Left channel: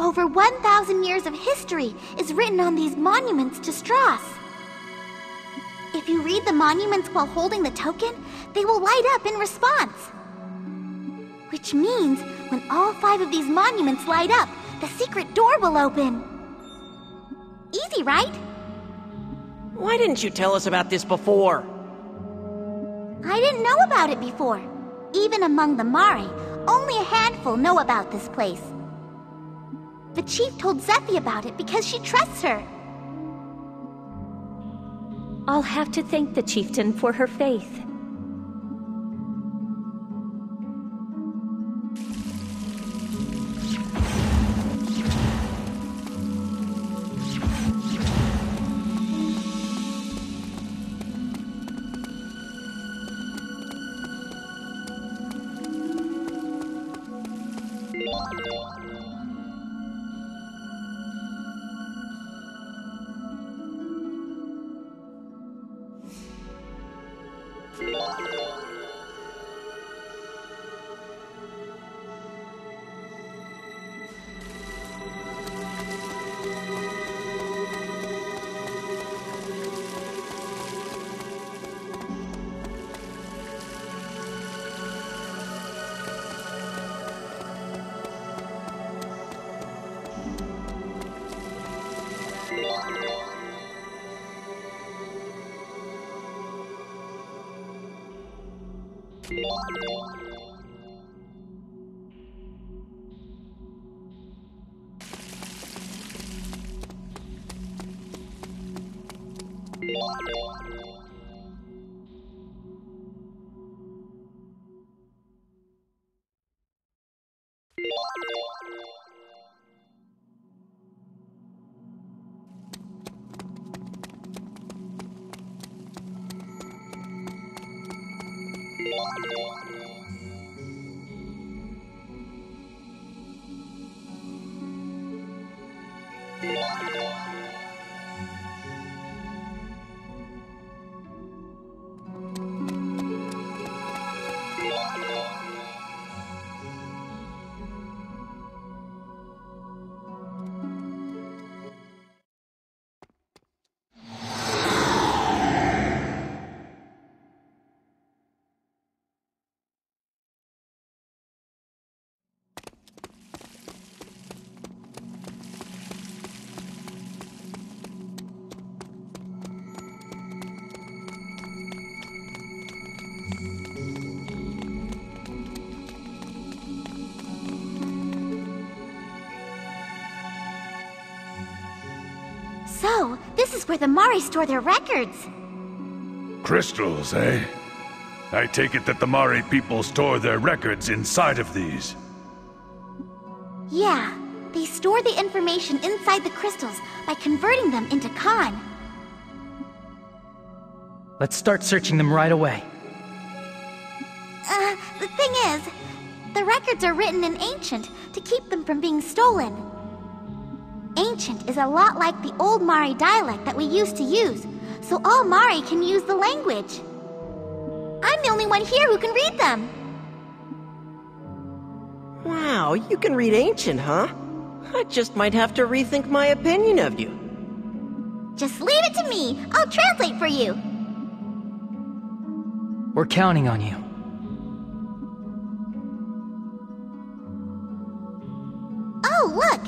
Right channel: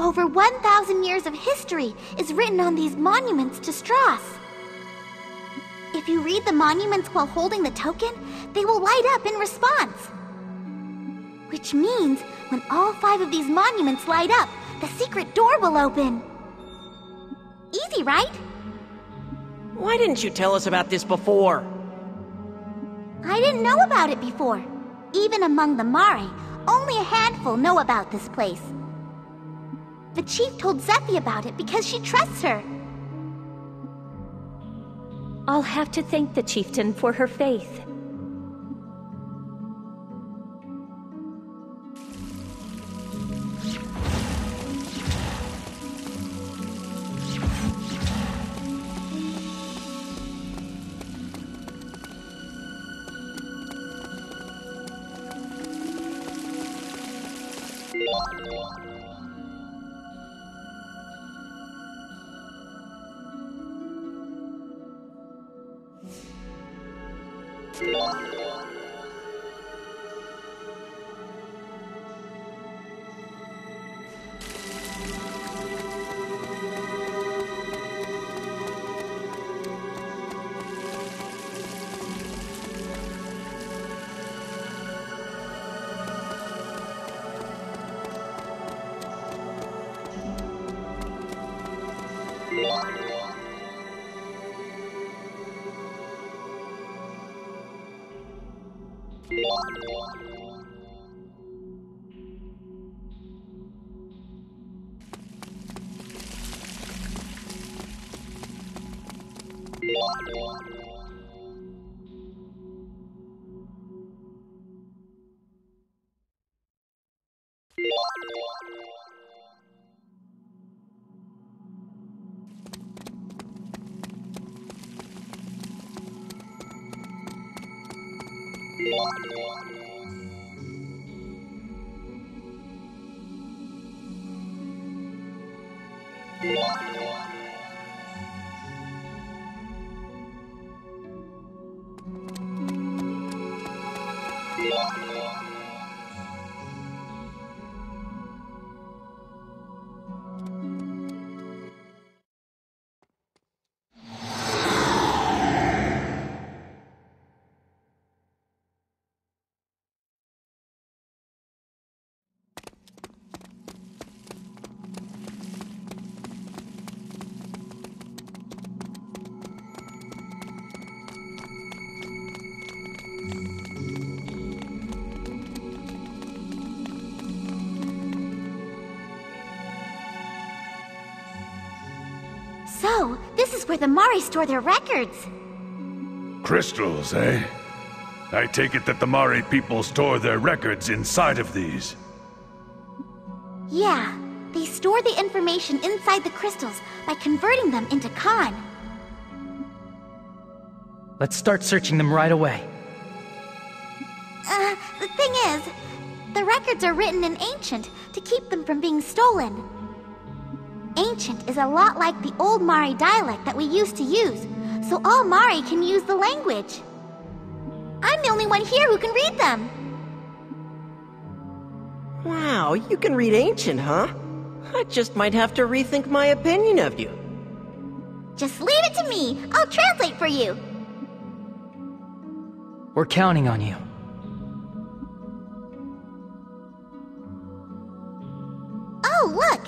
Over 1,000 years of history is written on these monuments to Strauss. If you read the monuments while holding the token, they will light up in response. Which means, when all 5 of these monuments light up, the secret door will open. Easy, right? Why didn't you tell us about this before? I didn't know about it before. Even among the Mari, only a handful know about this place. The chief told Zephi about it because she trusts her. I'll have to thank the chieftain for her faith. So, this is where the Mari store their records. Crystals, eh? I take it that the Mari people store their records inside of these. Yeah, they store the information inside the crystals by converting them into Khan. Let's start searching them right away. The thing is, the records are written in Ancient to keep them from being stolen. Ancient is a lot like the old Mari dialect that we used to use, so all Mari can use the language. I'm the only one here who can read them. Wow, you can read Ancient, huh? I just might have to rethink my opinion of you. Just leave it to me. I'll translate for you. We're counting on you. Oh, look!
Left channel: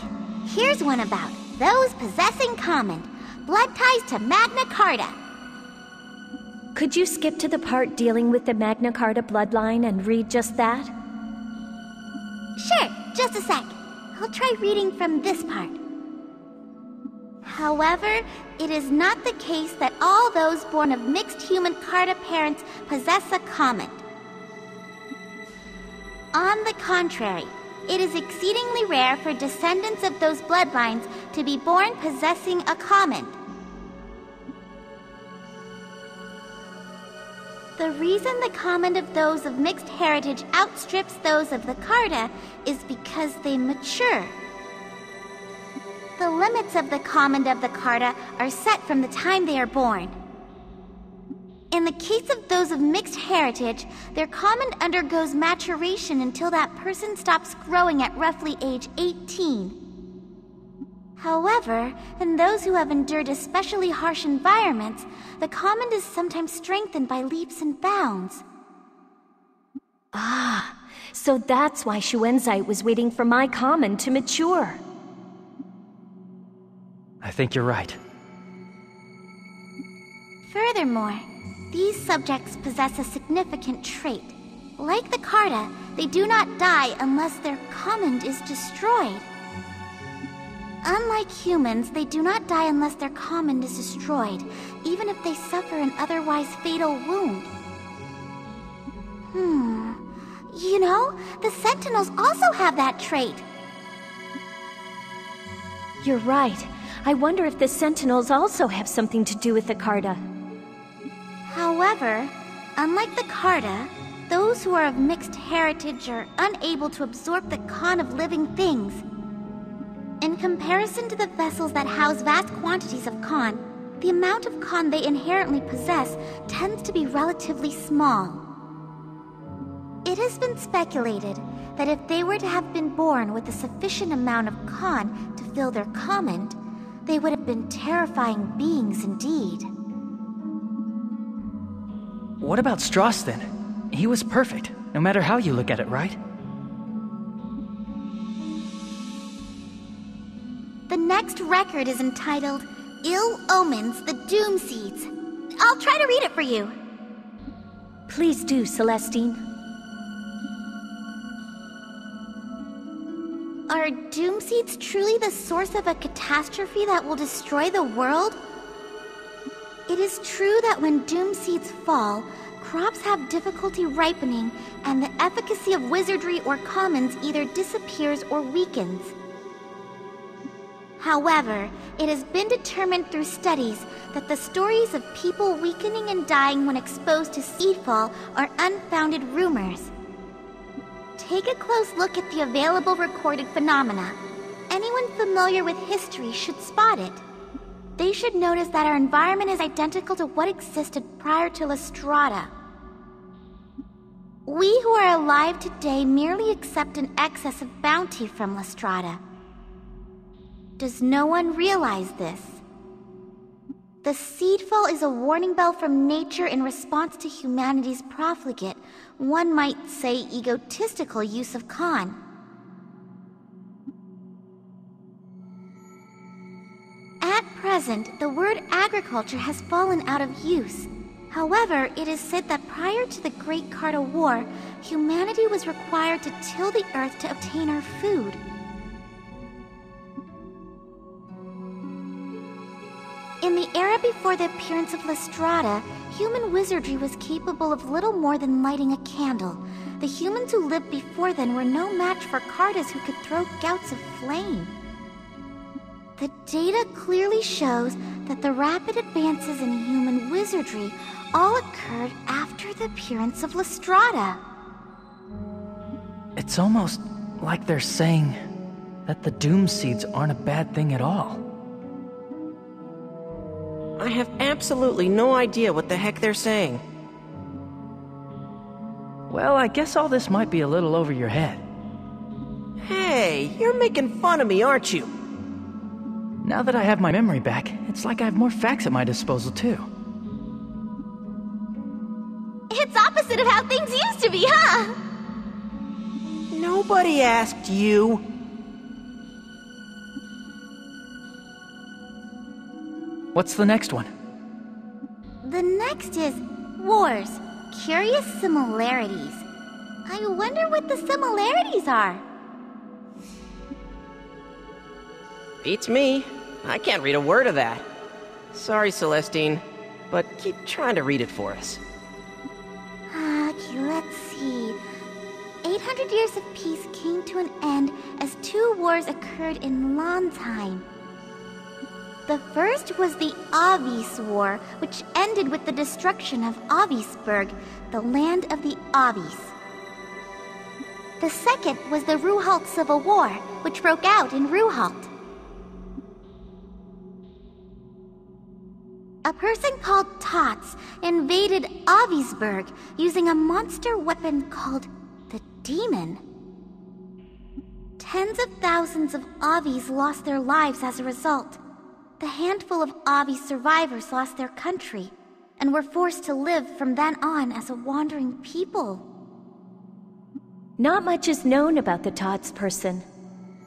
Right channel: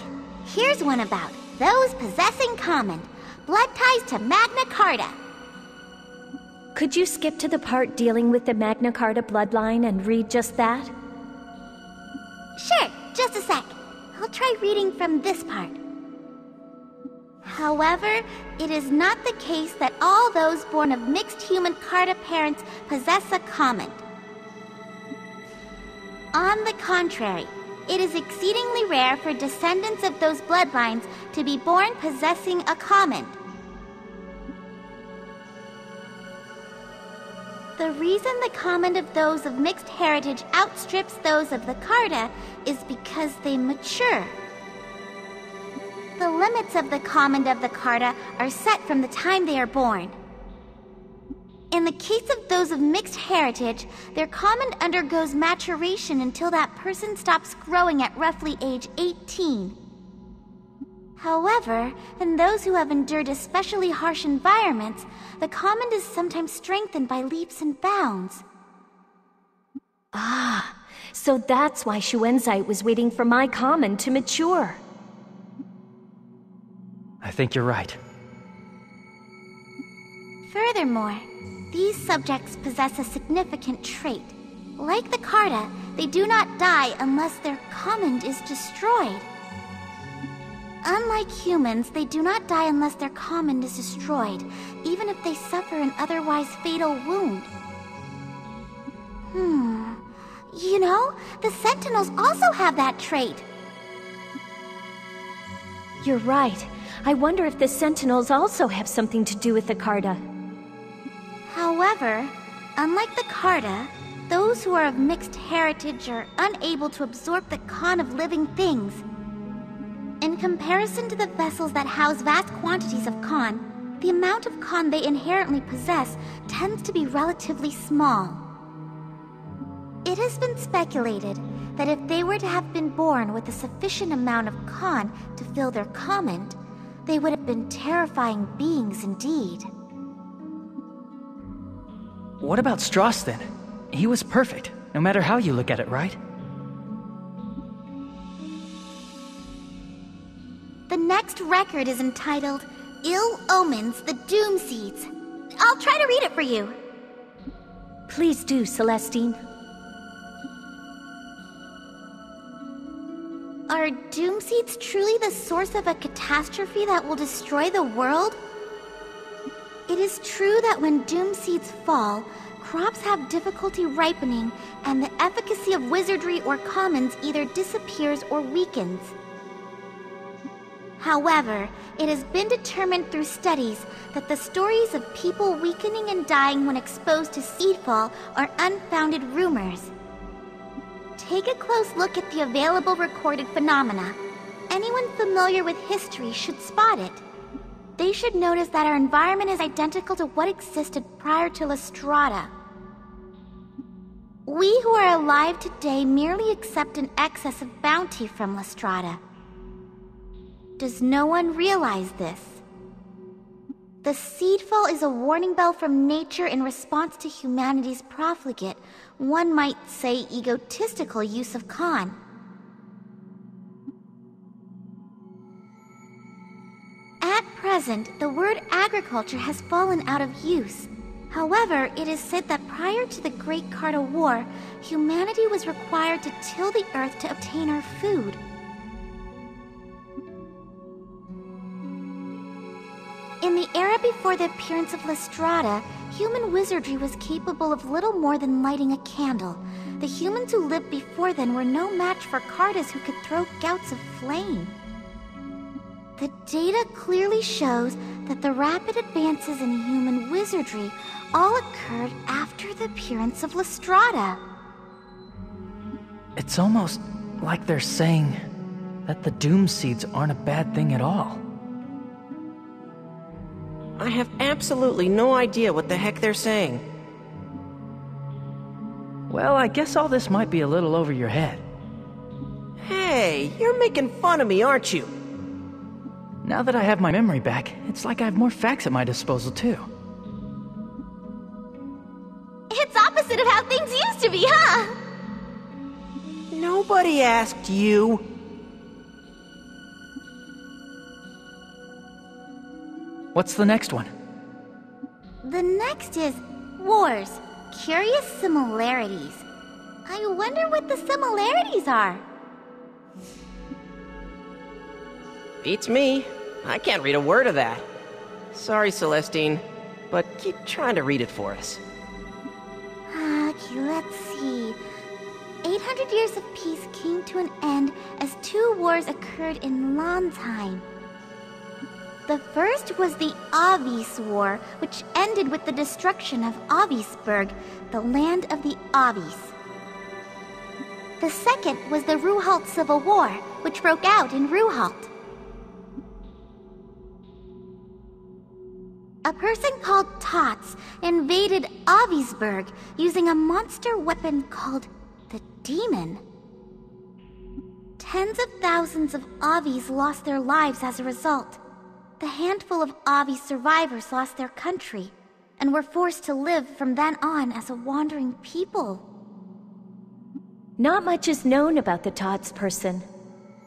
Here's one about those possessing common. Blood ties to Magna Carta. Could you skip to the part dealing with the Magna Carta bloodline and read just that? Sure, just a sec. I'll try reading from this part. However, it is not the case that all those born of mixed human Carta parents possess a common. On the contrary, it is exceedingly rare for descendants of those bloodlines to be born possessing a comment. The reason the comment of those of mixed heritage outstrips those of the Carta is because they mature. The limits of the comment of the Carta are set from the time they are born. In the case of those of mixed heritage, their comment undergoes maturation until that person stops growing at roughly age 18. However, in those who have endured especially harsh environments, the comment is sometimes strengthened by leaps and bounds. Ah, so that's why Shuenzite was waiting for my comment to mature. I think you're right. Furthermore, these subjects possess a significant trait. Like the Carta, they do not die unless their comment is destroyed. Unlike humans, they do not die unless their comment is destroyed, even if they suffer an otherwise fatal wound. You know, the Sentinels also have that trait. You're right. I wonder if the Sentinels also have something to do with the Carta. However, unlike the Carta, those who are of mixed heritage are unable to absorb the con of living things. In comparison to the vessels that house vast quantities of con, the amount of con they inherently possess tends to be relatively small. It has been speculated that if they were to have been born with a sufficient amount of con to fill their comment, they would have been terrifying beings indeed. What about Strauss then? He was perfect, no matter how you look at it, right? The next record is entitled Ill Omens, the Doom Seeds. I'll try to read it for you. Please do, Celestine. Are Doom Seeds truly the source of a catastrophe that will destroy the world? It is true that when Doom Seeds fall, crops have difficulty ripening, and the efficacy of wizardry or commons either disappears or weakens. However, it has been determined through studies that the stories of people weakening and dying when exposed to seedfall are unfounded rumors. Take a close look at the available recorded phenomena. Anyone familiar with history should spot it. They should notice that our environment is identical to what existed prior to Lestrada. We who are alive today merely accept an excess of bounty from Lestrada. Does no one realize this? The seedfall is a warning bell from nature in response to humanity's profligate, one might say egotistical use of con. At present, the word agriculture has fallen out of use. However, it is said that prior to the Great Carta War, humanity was required to till the earth to obtain our food. In the era before the appearance of Lestrada, human wizardry was capable of little more than lighting a candle. The humans who lived before then were no match for Cartas who could throw gouts of flame. The data clearly shows that the rapid advances in human wizardry all occurred after the appearance of Lestrada. It's almost like they're saying that the Doom Seeds aren't a bad thing at all. I have absolutely no idea what the heck they're saying. Well, I guess all this might be a little over your head. Hey, you're making fun of me, aren't you? Now that I have my memory back, it's like I have more facts at my disposal, too. It's opposite of how things used to be, huh? Nobody asked you. What's the next one? The next is Wars, Curious Similarities. I wonder what the similarities are. Beats me. I can't read a word of that. Sorry, Celestine, but keep trying to read it for us. Okay, let's see. 800 600 years of peace came to an end as two wars occurred in Landheim. The first was the Avis War, which ended with the destruction of Avisburg, the land of the Avis. The second was the Ruhalt Civil War, which broke out in Ruhalt. A person called Tots invaded Avisburg using a monster weapon called the Demon. Tens of thousands of Avis lost their lives as a result. The handful of Avis survivors lost their country and were forced to live from then on as a wandering people. Not much is known about the Tots person.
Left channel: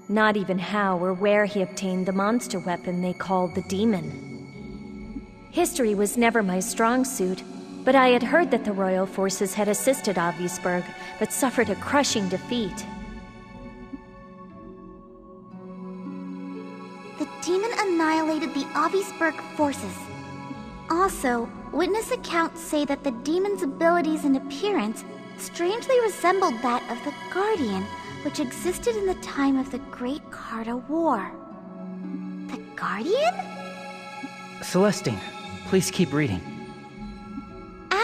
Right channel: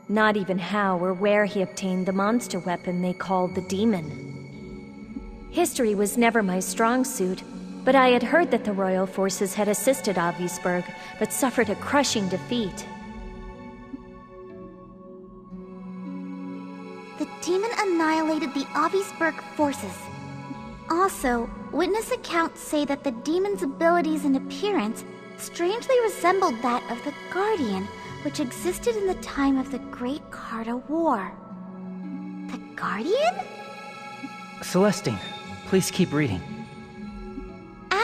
Not even how or where he obtained the monster weapon they called the Demon. History was never my strong suit, but I had heard that the royal forces had assisted Avisburg, but suffered a crushing defeat. The demon annihilated the Avisburg forces. Also, witness accounts say that the demon's abilities and appearance strangely resembled that of the Guardian, which existed in the time of the Great Carta War. The Guardian? Celestine, please keep reading.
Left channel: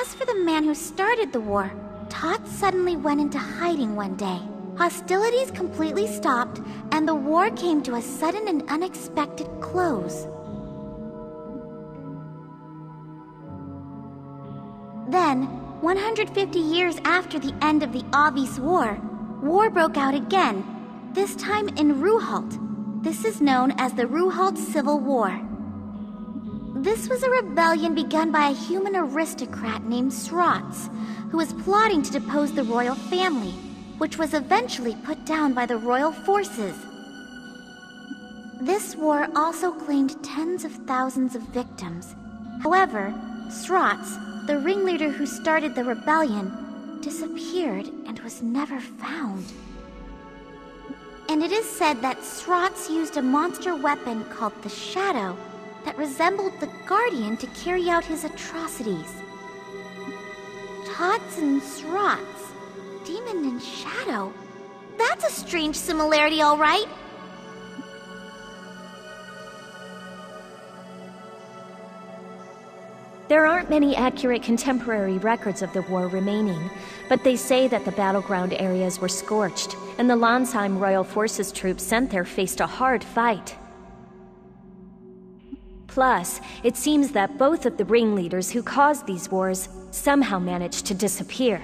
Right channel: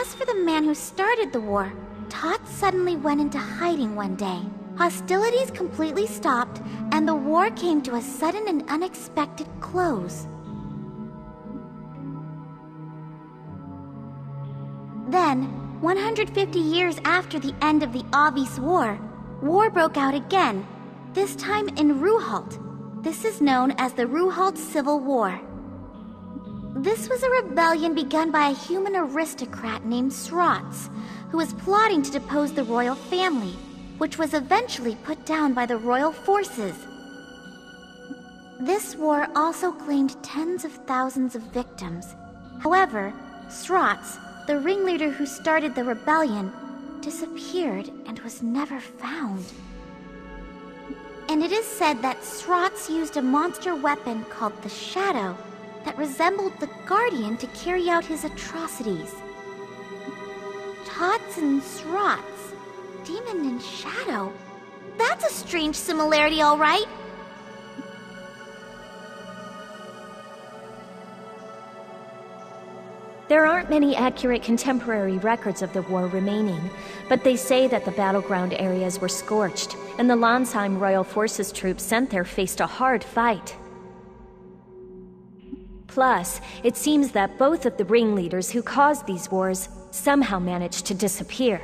As for the man who started the war, Tots suddenly went into hiding one day. Hostilities completely stopped, and the war came to a sudden and unexpected close. Then, 150 years after the end of the Avis War, war broke out again, this time in Ruhalt. This is known as the Ruhalt Civil War. This was a rebellion begun by a human aristocrat named Srots, who was plotting to depose the royal family, which was eventually put down by the royal forces. This war also claimed tens of thousands of victims. However, Srots, the ringleader who started the rebellion, disappeared and was never found. And it is said that Srots used a monster weapon called the Shadow that resembled the Guardian to carry out his atrocities. Tots and Srots, Demon and Shadow. That's a strange similarity, all right. There aren't many accurate contemporary records of the war remaining, but they say that the battleground areas were scorched, and the Landheim Royal Forces troops sent there faced a hard fight. Plus, it seems that both of the ringleaders who caused these wars somehow managed to disappear.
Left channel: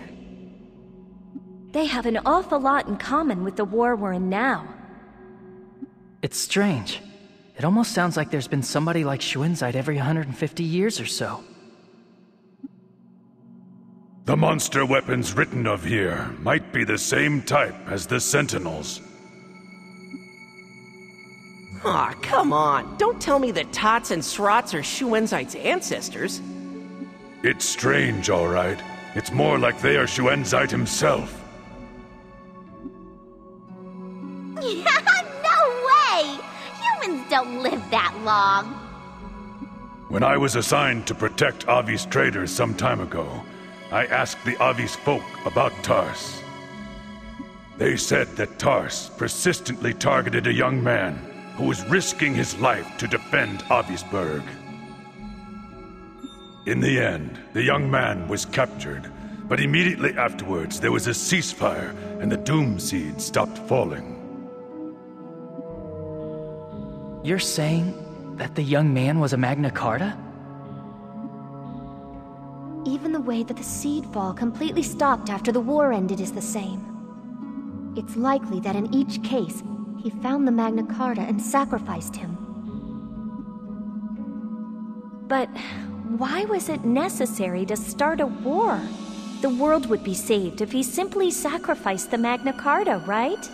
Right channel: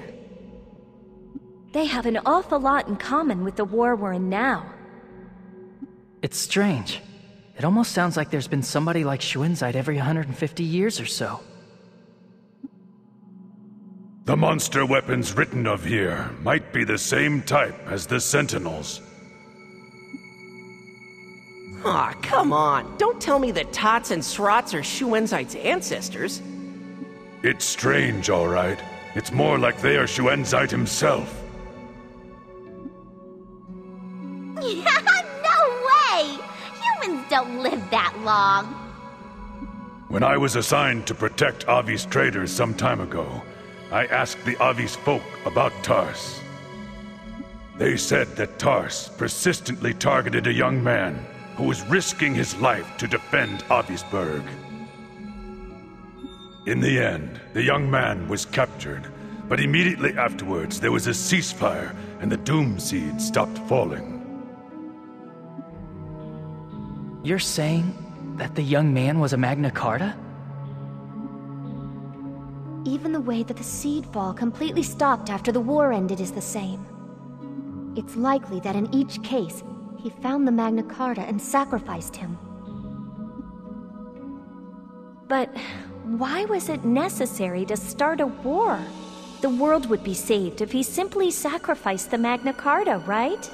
They have an awful lot in common with the war we're in now. It's strange. It almost sounds like there's been somebody like Schuenzeit every 150 years or so. The monster weapons written of here might be the same type as the Sentinels. Aw, come on. Don't tell me that Tots and Srots are Schuenzeit's ancestors. It's strange, all right. It's more like they are Schuenzeit himself. No way! Humans don't live that long. When I was assigned to protect Avis traders some time ago, I asked the Avis folk about Tars. They said that Tars persistently targeted a young man who was risking his life to defend Avisburg. In the end, the young man was captured, but immediately afterwards there was a ceasefire and the Doom Seed stopped falling. You're saying that the young man was a Magna Carta? Even the way that the seed fall completely stopped after the war ended is the same. It's likely that in each case, he found the Magna Carta and sacrificed him. But why was it necessary to start a war? The world would be saved if he simply sacrificed the Magna Carta, right?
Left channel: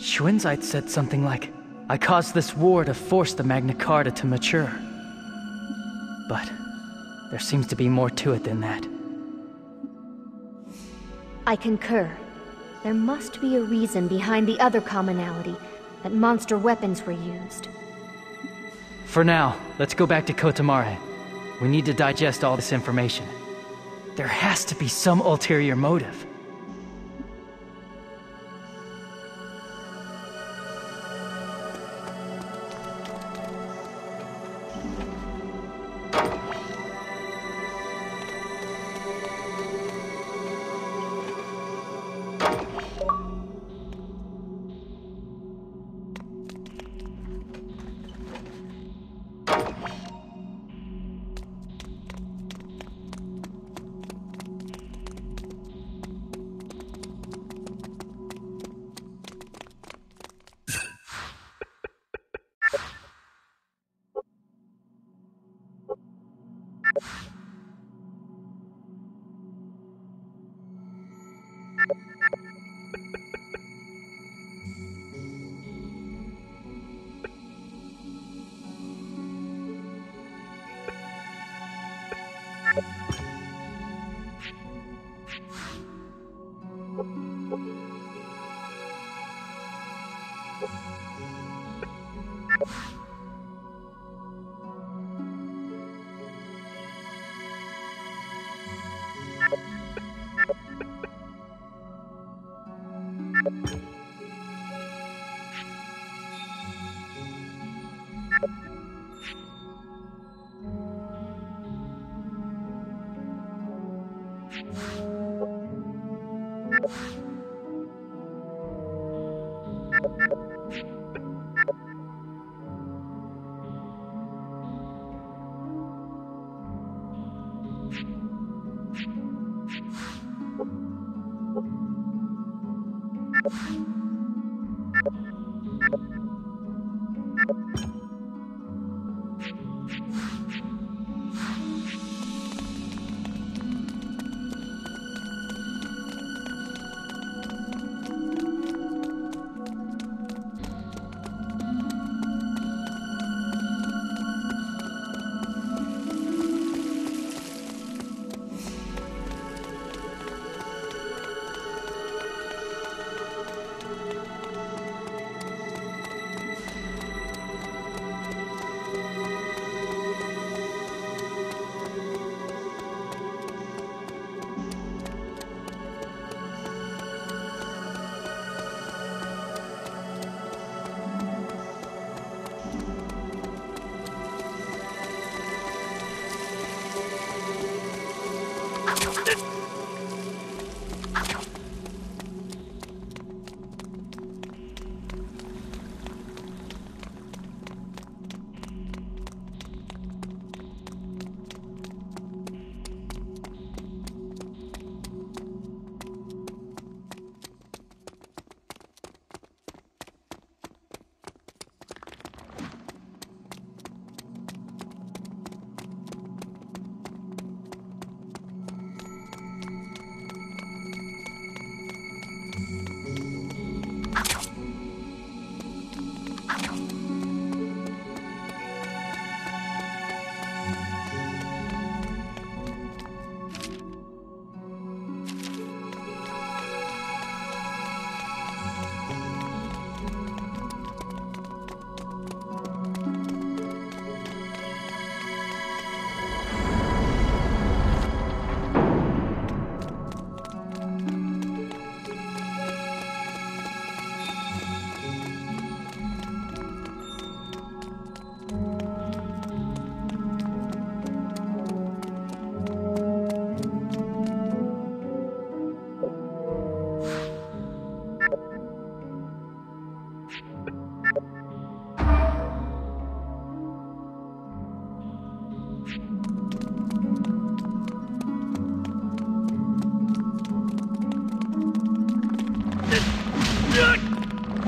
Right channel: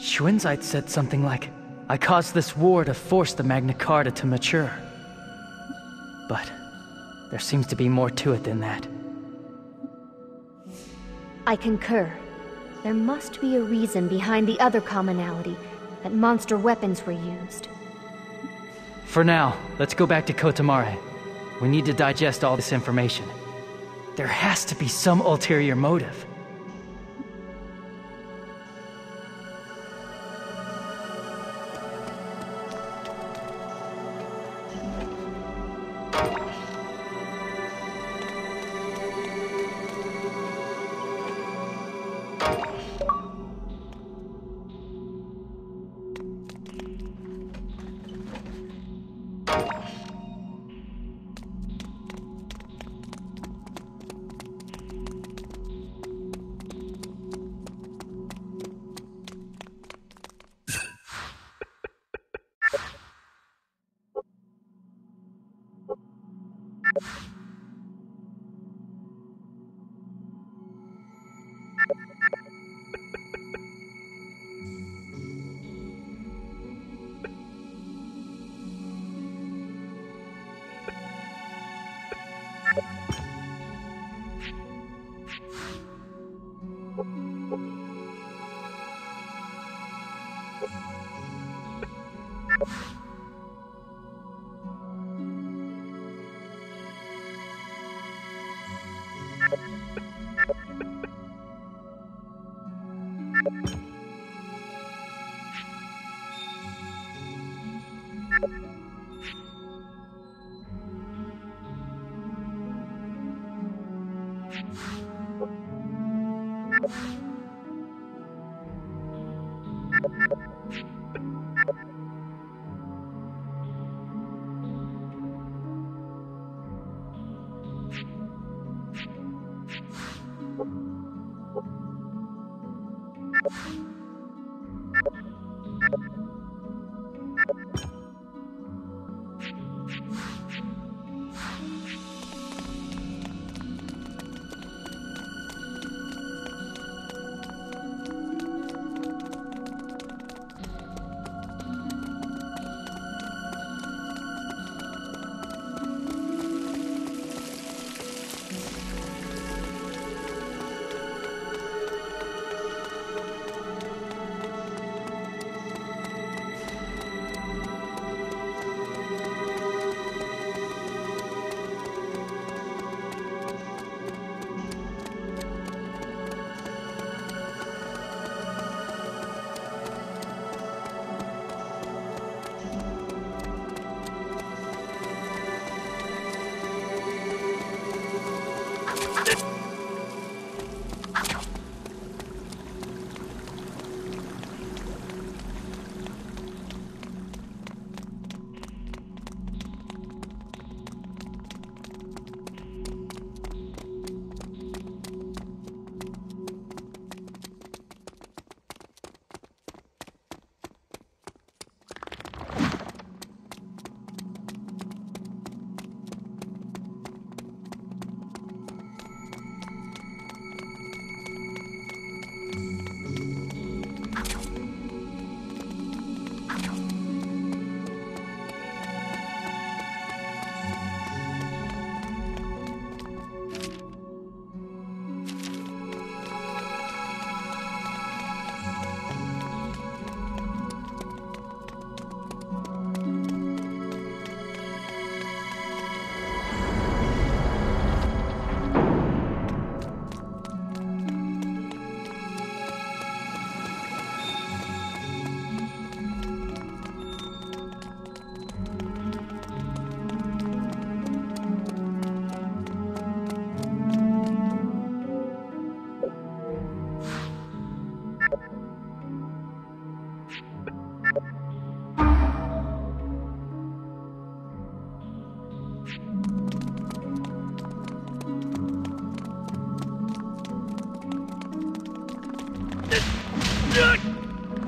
Schuenzeit said something like, I caused this war to force the Magna Carta to mature. But there seems to be more to it than that. I concur. There must be a reason behind the other commonality, that monster weapons were used. For now, let's go back to Kotamare. We need to digest all this information. There has to be some ulterior motive.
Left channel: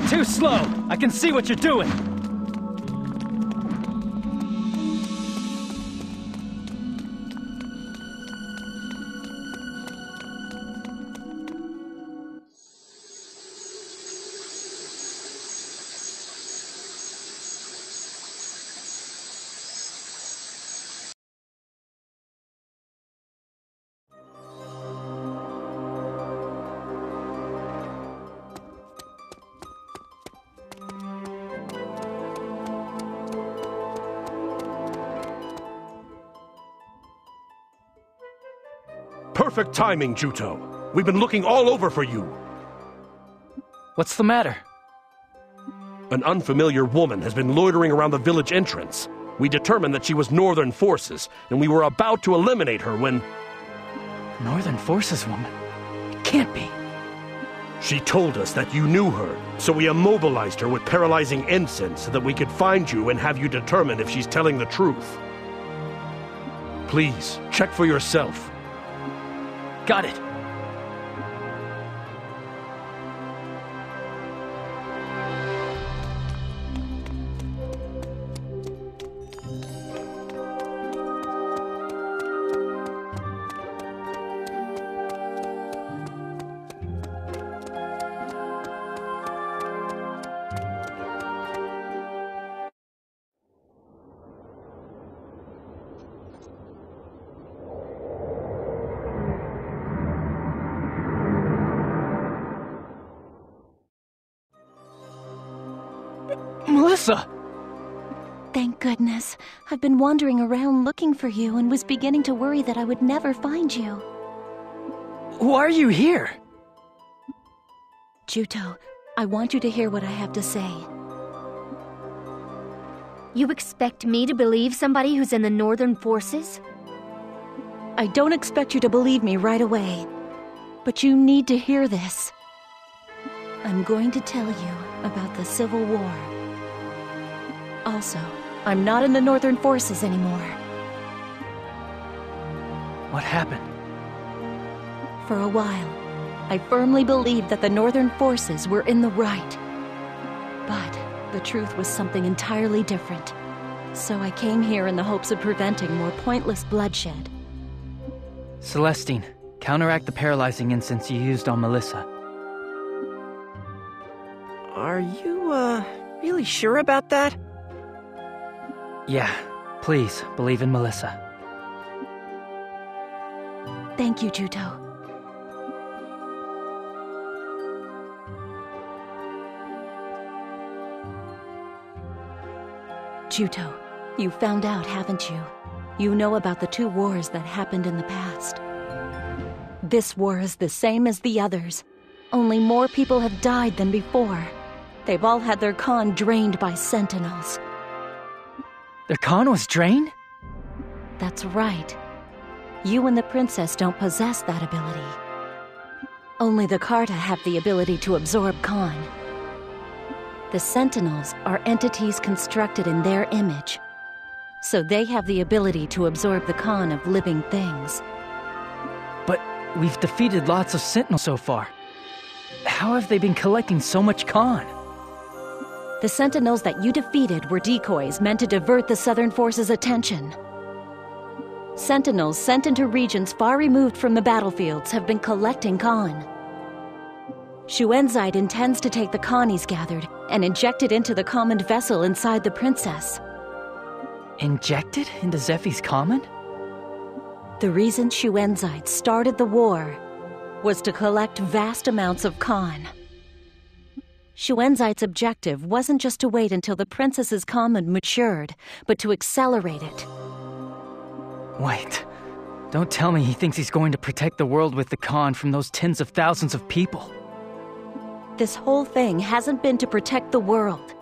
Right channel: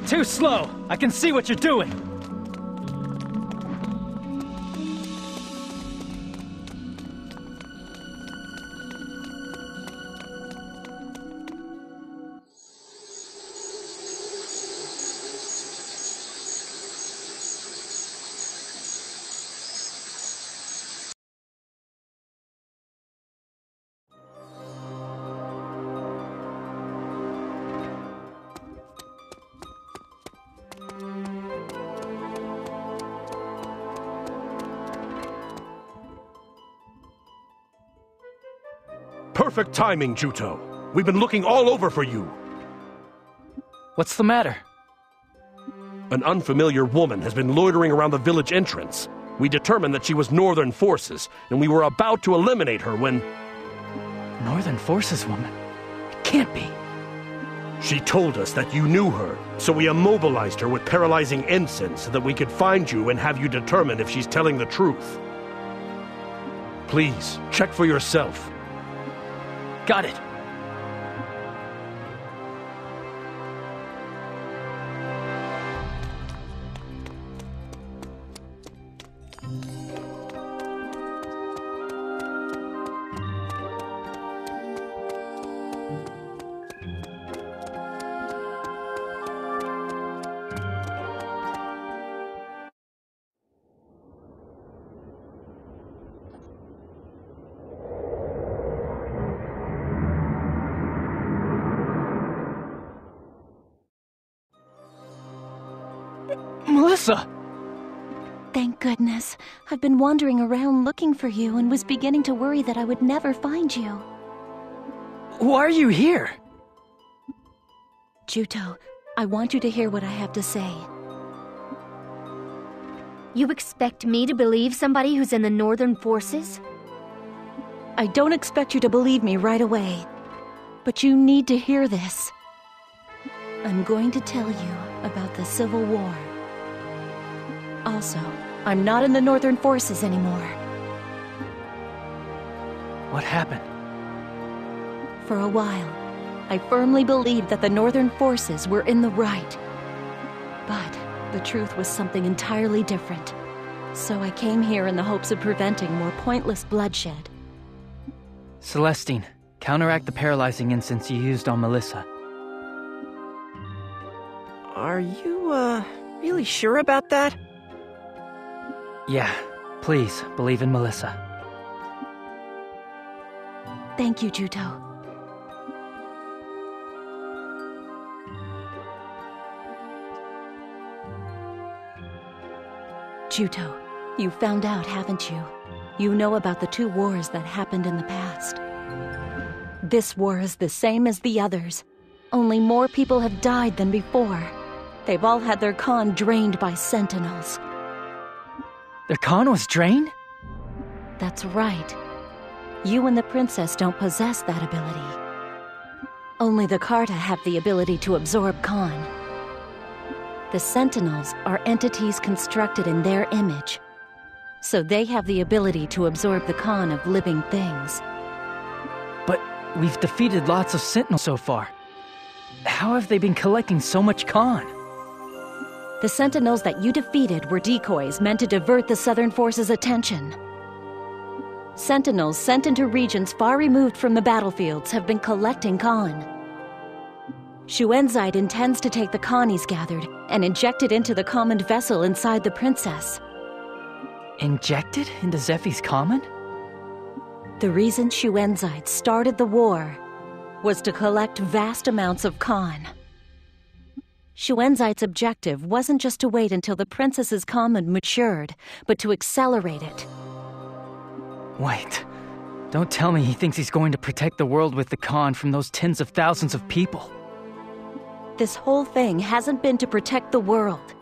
Too slow! I can see what you're doing! Perfect timing, Juto. We've been looking all over for you. What's the matter? An unfamiliar woman has been loitering around the village entrance. We determined that she was Northern Forces, and we were about to eliminate her when... Northern Forces woman? It can't be. She told us that you knew her, so we immobilized her with paralyzing incense so that we could find you and have you determine if she's telling the truth. Please, check for yourself. Got it. Melissa! Thank goodness. I've been wandering around looking for you and was beginning to worry that I would never find you. Why are you here? Juto, I want you to hear what I have to say. You expect me to believe somebody who's in the Northern Forces? I don't expect you to believe me right away, but you need to hear this. I'm going to tell you about the Civil War. Also, I'm not in the Northern Forces anymore. What happened? For a while, I firmly believed that the Northern Forces were in the right. But the truth was something entirely different. So I came here in the hopes of preventing more pointless bloodshed. Celestine, counteract the paralyzing incense you used on Melissa. Are you, really sure about that? Yeah, please, believe in Melissa. Thank you, Juto. Juto, you found out, haven't you? You know about the 2 wars that happened in the past. This war is the same as the others. Only more people have died than before. They've all had their Khan drained by sentinels. Their Khan was drained? That's right. You and the princess don't possess that ability. Only the Carta have the ability to absorb Khan. The Sentinels are entities constructed in their image, so they have the ability to absorb the Khan of living things. But we've defeated lots of Sentinels so far. How have they been collecting so much Khan? The Sentinels that you defeated were decoys meant to divert the Southern Forces' attention. Sentinels sent into regions far removed from the battlefields have been collecting Khan. Shuenzide intends to take the Khan he's gathered and inject it into the common vessel inside the princess. Injected into Zephy's common? The reason Shuenzide started the war was to collect vast amounts of Khan. Shuenzide's objective wasn't just to wait until the princess's common matured, but to accelerate it. Wait, don't tell me he thinks he's going to protect the world with the Khan from those tens of thousands of people. This whole thing hasn't been to protect the world.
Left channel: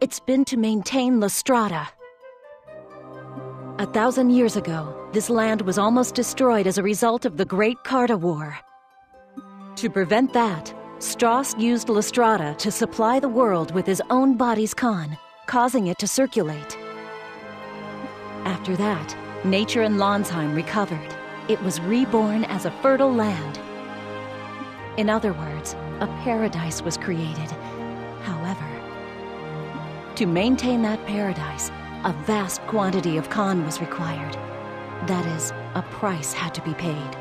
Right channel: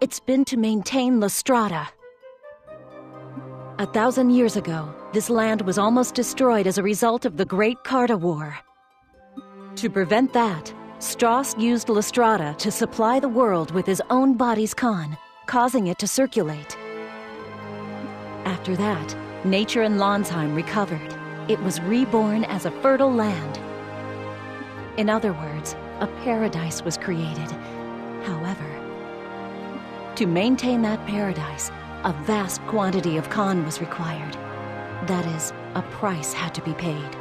It's been to maintain Lestrada. 1,000 years ago, this land was almost destroyed as a result of the Great Carta War. To prevent that, Strauss used Lestrada to supply the world with his own body's Khan, causing it to circulate. After that, nature in Lonsheim recovered. It was reborn as a fertile land. In other words, a paradise was created. However, to maintain that paradise, a vast quantity of Khan was required. That is, a price had to be paid.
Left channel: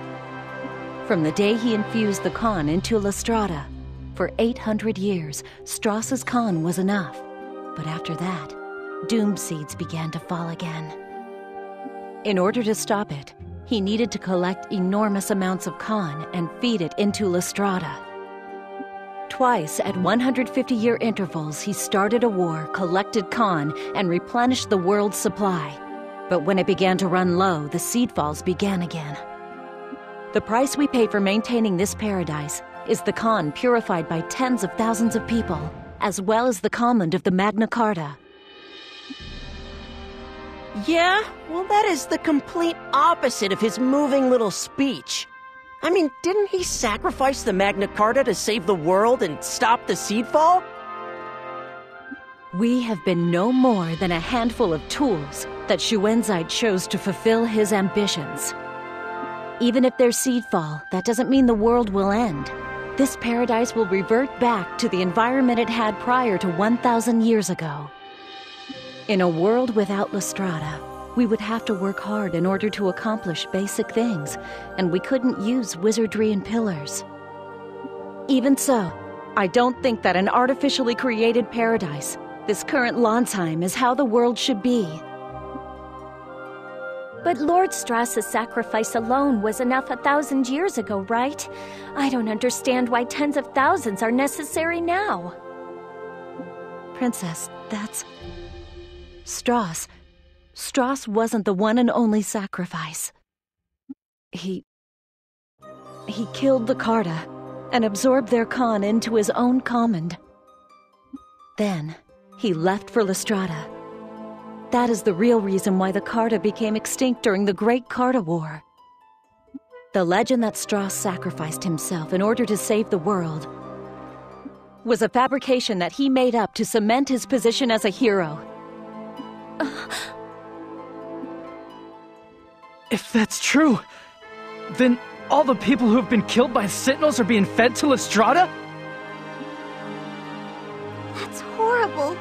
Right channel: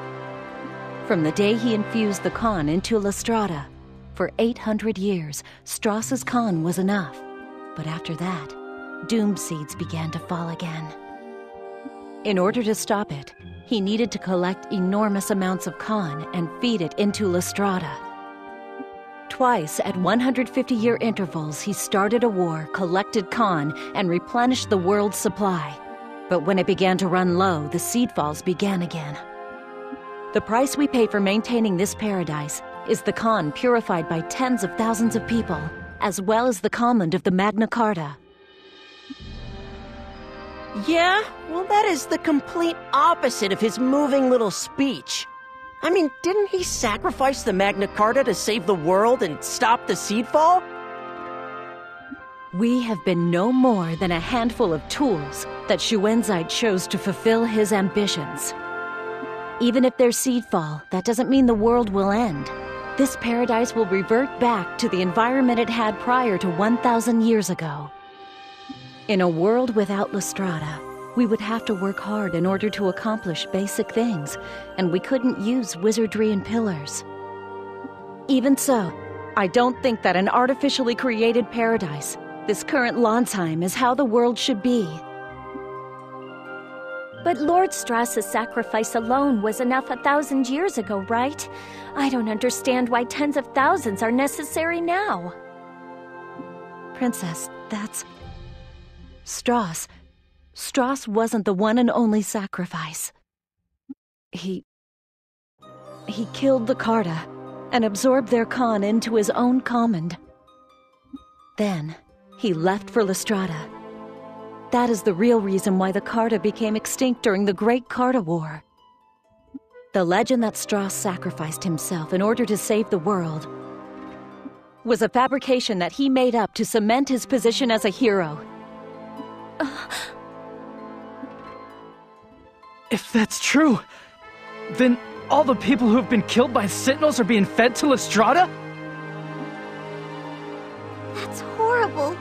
From the day he infused the Khan into Lestrada, for 800 years, Strauss's Khan was enough. But after that, doom seeds began to fall again. In order to stop it, he needed to collect enormous amounts of Khan and feed it into Lestrada. Twice at 150-year intervals, he started a war, collected Khan, and replenished the world's supply. But when it began to run low, the seed falls began again. The price we pay for maintaining this paradise is the Khan purified by tens of thousands of people, as well as the command of the MagnaCarta. Yeah? Well, that is the complete opposite of his moving little speech. I mean, didn't he sacrifice the MagnaCarta to save the world and stop the seedfall? We have been no more than a handful of tools that Shuenzide chose to fulfill his ambitions. Even if there's seedfall, that doesn't mean the world will end. This paradise will revert back to the environment it had prior to 1,000 years ago. In a world without Lestrada, we would have to work hard in order to accomplish basic things, and we couldn't use wizardry and pillars. Even so, I don't think that an artificially created paradise, this current Lonsheim, is how the world should be. But Lord Strauss's sacrifice alone was enough 1,000 years ago, right? I don't understand why tens of thousands are necessary now. Princess, That's... Strauss. Strauss wasn't the one and only sacrifice. He killed the Carta and absorbed their Khan into his own command. Then, he left for Lestrada. That is the real reason why the Carta became extinct during the Great Carta War. The legend that Strauss sacrificed himself in order to save the world was a fabrication that he made up to cement his position as a hero. If that's true, then all the people who have been killed by Sentinels are being fed to Lestrada? That's horrible.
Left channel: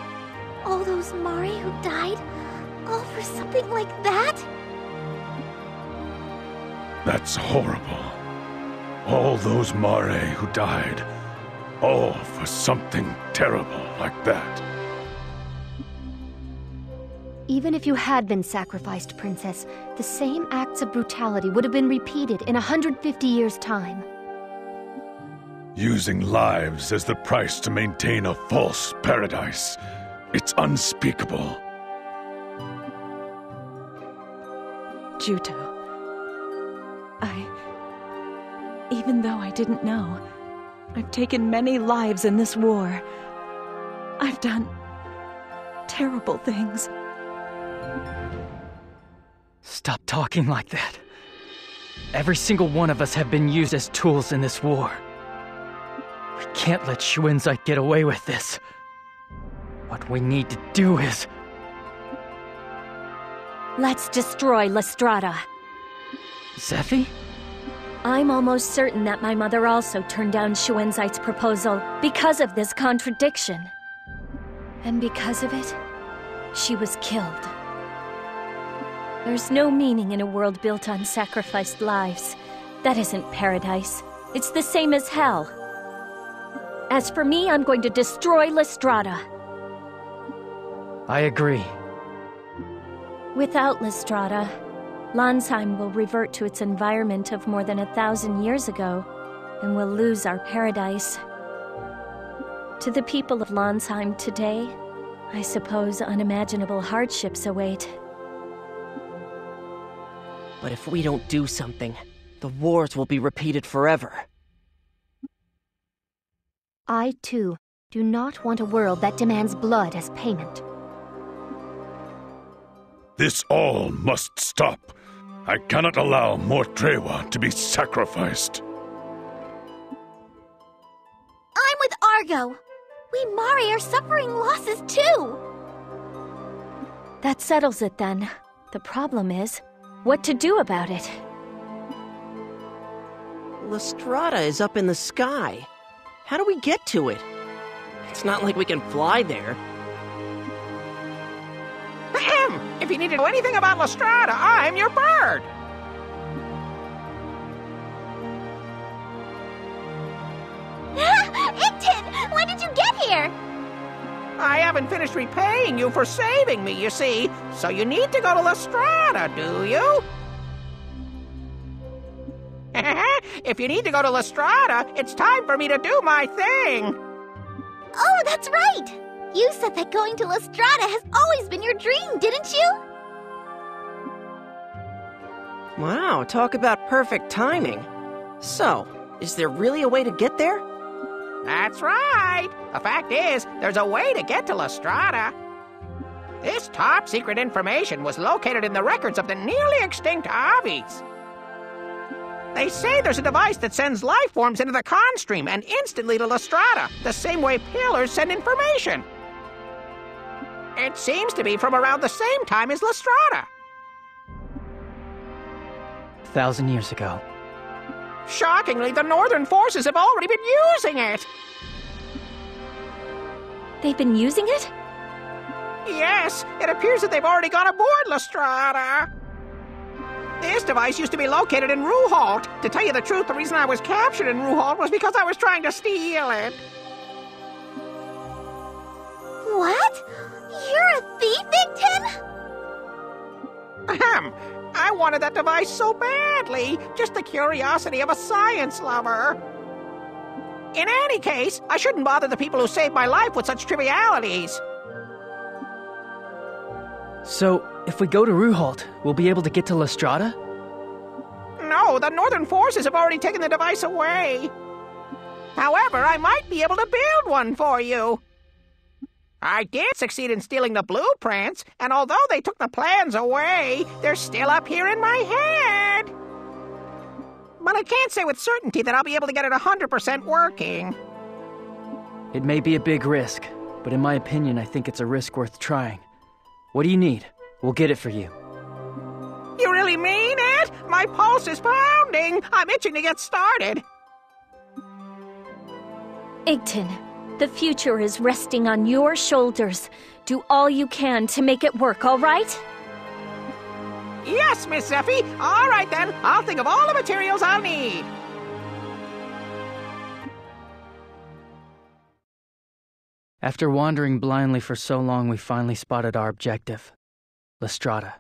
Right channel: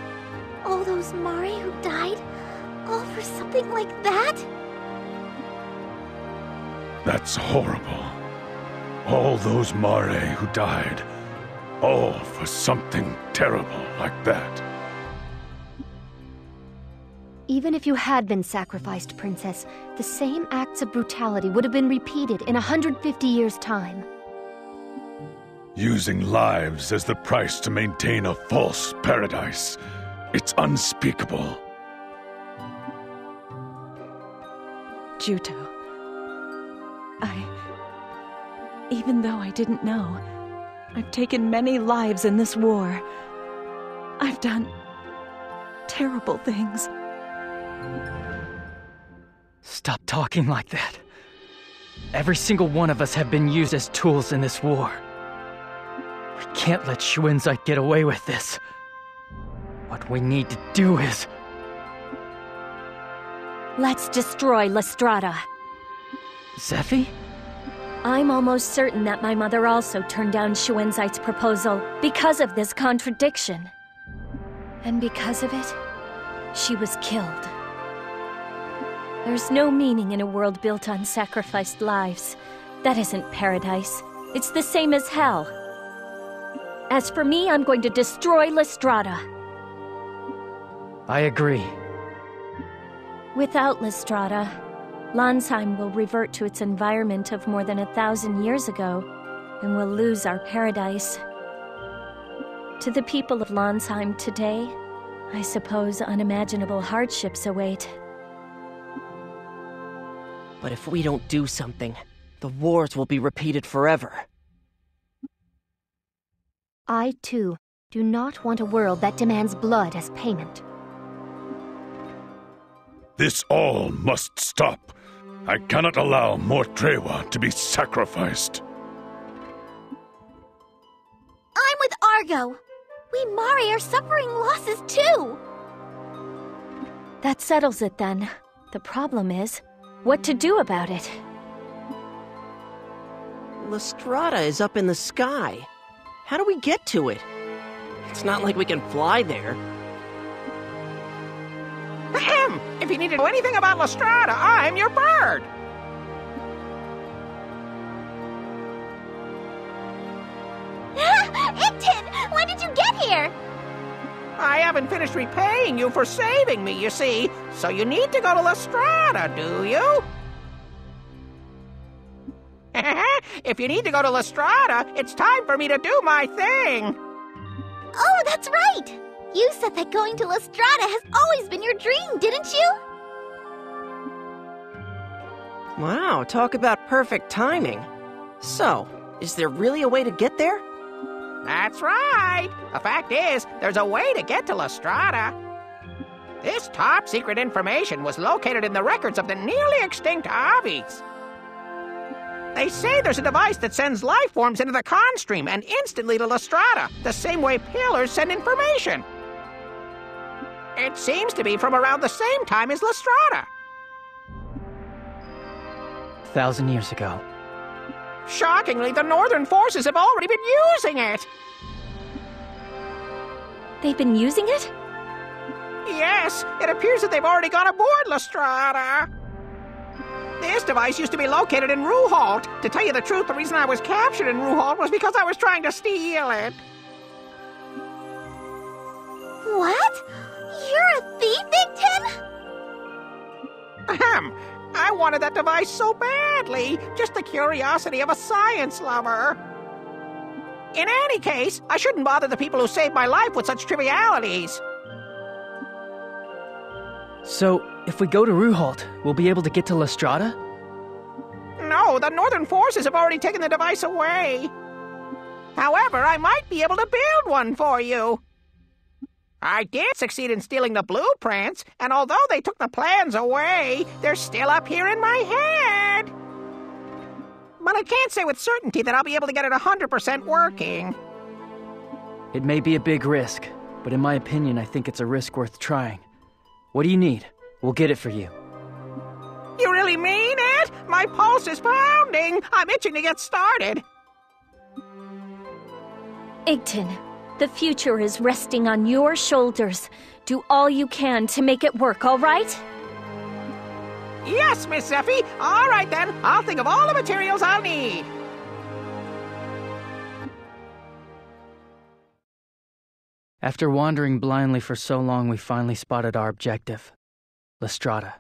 All those Mare who died, all for something like that? That's horrible. All those Mare who died, all for something terrible like that. Even if you had been sacrificed, Princess, the same acts of brutality would have been repeated in 150 years' time. Using lives as the price to maintain a false paradise. It's unspeakable. Juto. Even though I didn't know, I've taken many lives in this war. I've done terrible things. Stop talking like that. Every single one of us have been used as tools in this war. We can't let Shuenzite get away with this. What we need to do is... Let's destroy Lestrada. Zephy? I'm almost certain that my mother also turned down Shuenzite's proposal because of this contradiction. And because of it, she was killed. There's no meaning in a world built on sacrificed lives. That isn't paradise. It's the same as hell. As for me, I'm going to destroy Lestrada. I agree. Without Lestrada, Landsheim will revert to its environment of more than 1,000 years ago, and we'll lose our paradise. To the people of Landsheim today, I suppose unimaginable hardships await. But if we don't do something, the wars will be repeated forever. I, too, do not want a world that demands blood as payment. This all must stop. I cannot allow more Trewa to be sacrificed. I'm with Argo. We Mare are suffering losses too. That settles it then. The problem is, what to do about it? Lestrada is up in the sky. How do we get to it? It's not like we can fly there. Ahem! If you need to know anything about Lestrada, I'm your bird! Ictin! When did you get here? I haven't finished repaying you for saving me, you see. So you need to go to Lestrada, do you? If you need to go to Lestrada, it's time for me to do my thing. Oh, that's right! You said that going to Lestrada has always been your dream, didn't you? Wow, talk about perfect timing. So, is there really a way to get there? That's right. The fact is, there's a way to get to Lestrada. This top-secret information was located in the records of the nearly extinct Avis. They say there's a device that sends life forms into the Khan stream and instantly to Lestrada, the same way pillars send information. It seems to be from around the same time as Lestrada. 1,000 years ago. Shockingly, the Northern forces have already been using it. They've been using it? Yes, it appears that they've already gone aboard Lestrada. This device used to be located in Ruhalt. To tell you the truth, the reason I was captured in Ruhalt was because I was trying to steal it. What? You're a thief, Ictin? Ahem. I wanted that device so badly. Just the curiosity of a science lover. In any case, I shouldn't bother the people who saved my life with such trivialities. So, if we go to Ruhalt, we'll be able to get to Lestrada? No, the Northern forces have already taken the device away. However, I might be able to build one for you. I did succeed in stealing the blueprints, and although they took the plans away, they're still up here in my head. But I can't say with certainty that I'll be able to get it 100% working. It may be a big risk, but in my opinion, I think it's a risk worth trying. What do you need? We'll get it for you. You really mean it? My pulse is pounding. I'm itching to get started. Igton, the future is resting on your shoulders. Do all you can to make it work, all right? Yes, Miss Zeffie. All right, then. I'll think of all the materials I'll need. After wandering blindly for so long, we finally spotted our objective, Lestrada.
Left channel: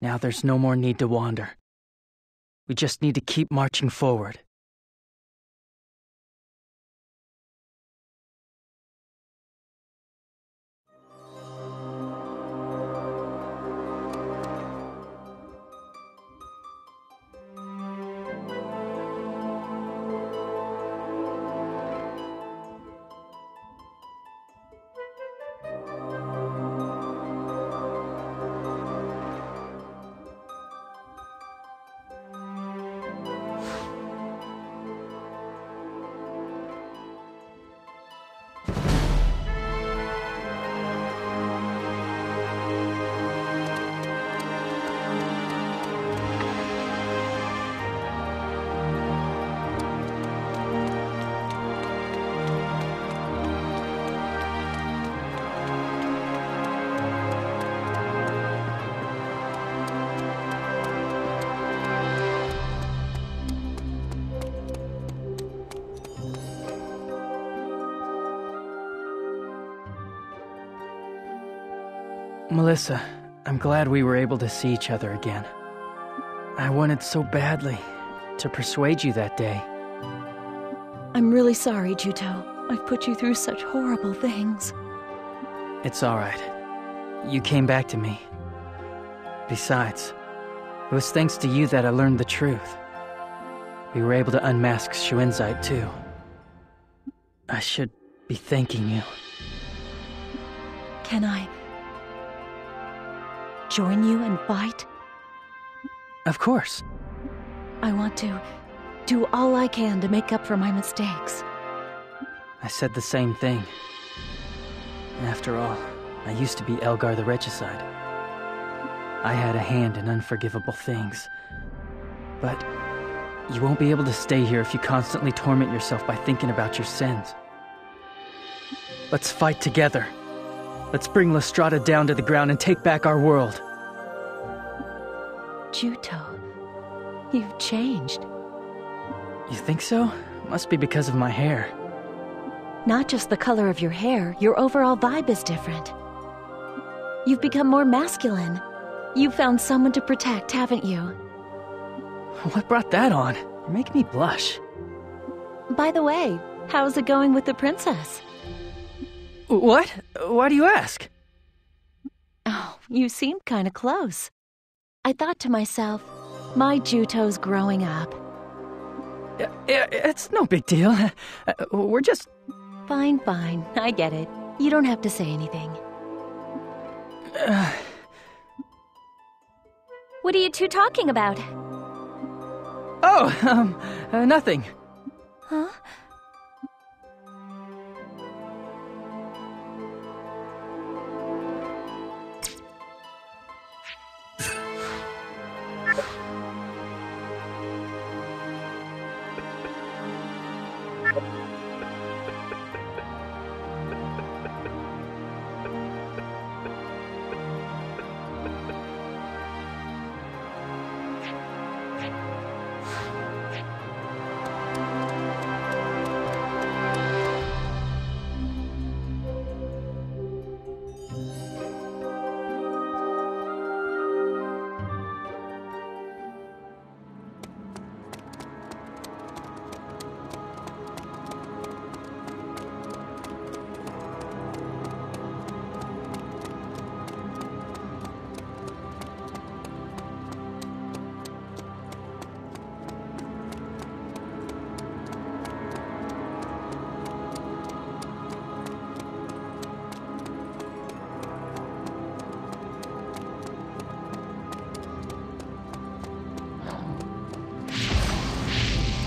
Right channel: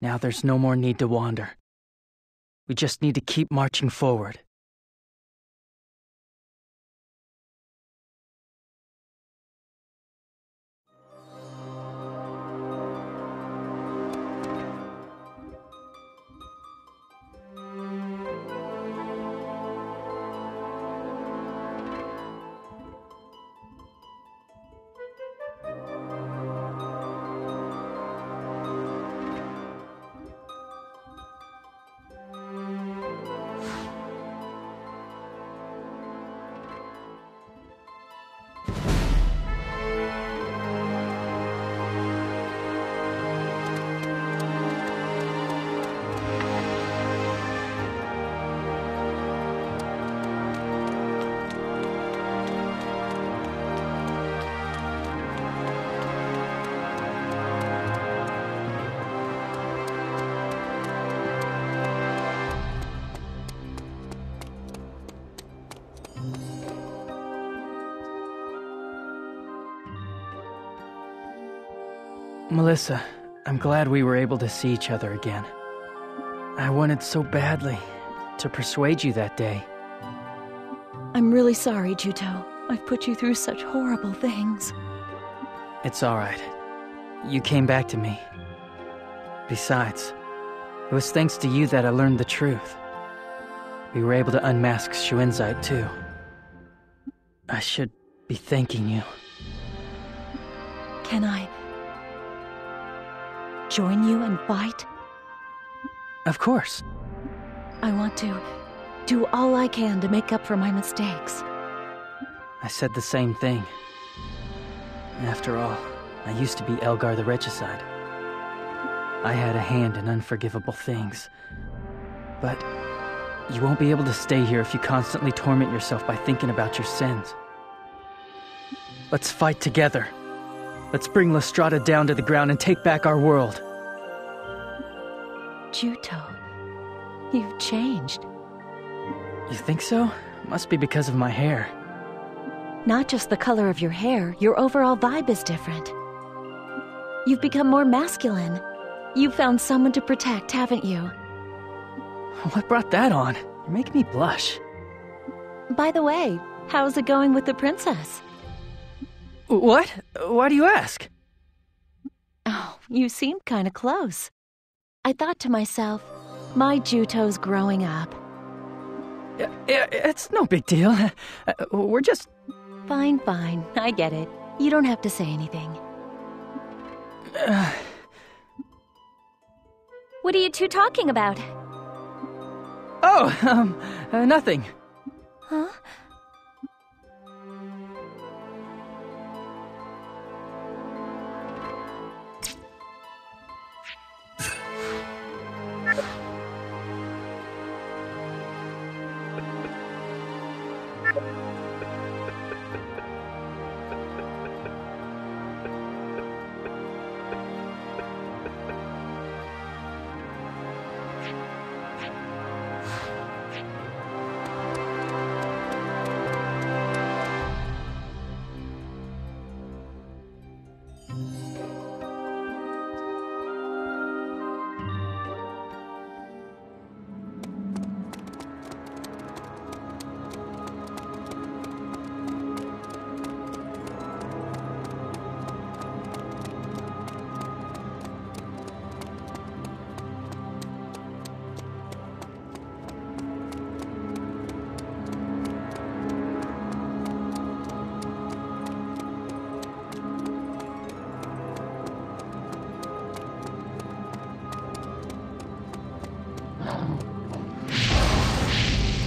Now there's no more need to wander. We just need to keep marching forward. Melissa, I'm glad we were able to see each other again. I wanted so badly to persuade you that day. I'm really sorry, Juto. I've put you through such horrible things. It's all right. You came back to me. Besides, it was thanks to you that I learned the truth. We were able to unmask Shuenzite, too. I should be thanking you. Can I join you and fight? Of course. I want to do all I can to make up for my mistakes. I said the same thing. After all, I used to be Elgar the Regicide. I had a hand in unforgivable things. But you won't be able to stay here if you constantly torment yourself by thinking about your sins. Let's fight together. Let's bring Lestrada down to the ground and take back our world. Juto, you've changed. You think so? Must be because of my hair. Not just the color of your hair, your overall vibe is different. You've become more masculine. You've found someone to protect, haven't you? What brought that on? You're making me blush. By the way, how's it going with the princess? What? Why do you ask? Oh, you seemed kind of close. I thought to myself, my Juto's growing up. It's no big deal. We're just... Fine, fine. I get it. You don't have to say anything. What are you two talking about? Oh, nothing. Huh?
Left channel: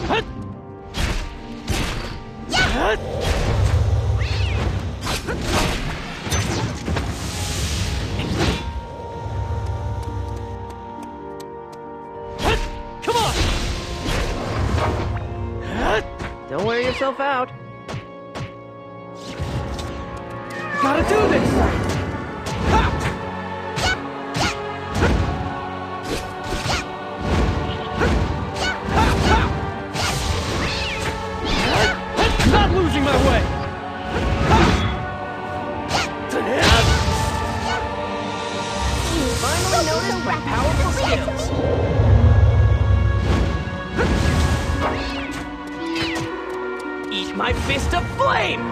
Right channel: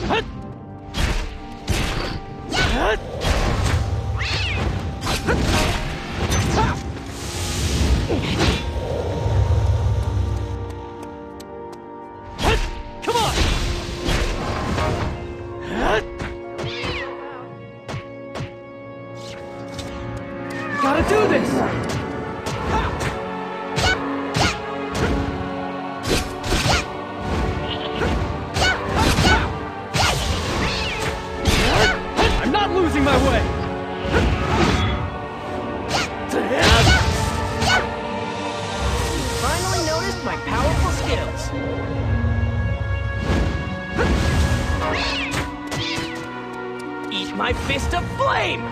Come on! Don't wear yourself out. I gotta do this! I'm not losing my way! You finally noticed my powerful skills. Eat my fist of flame!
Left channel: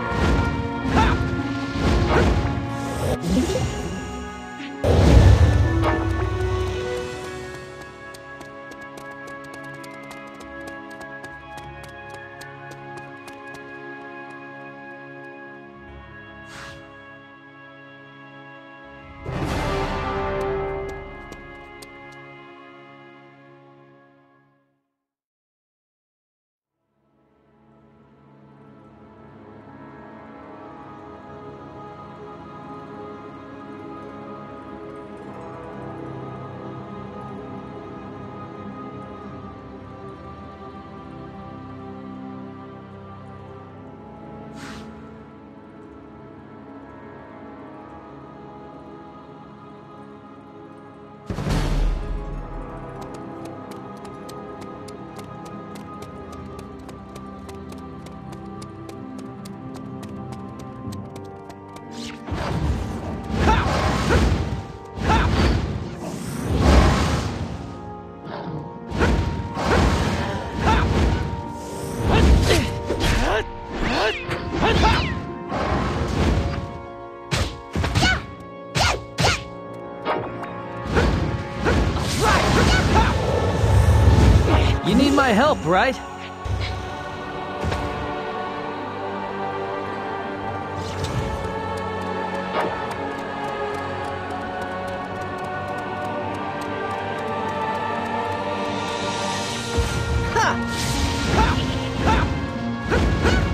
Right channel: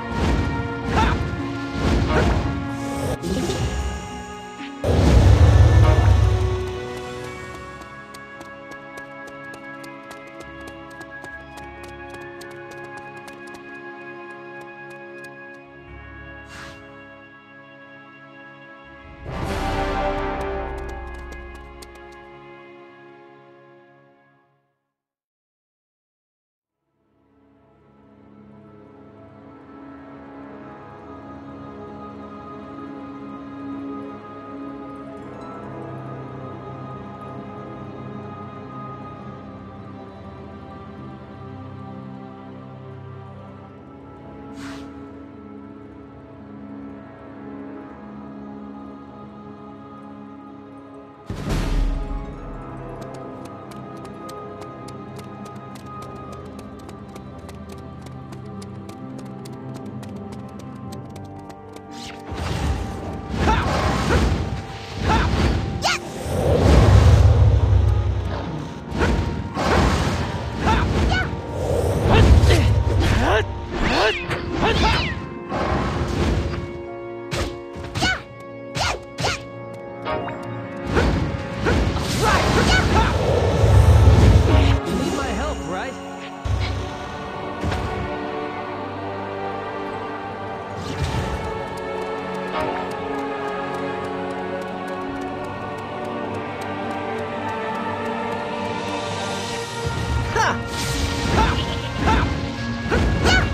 You need my help, right?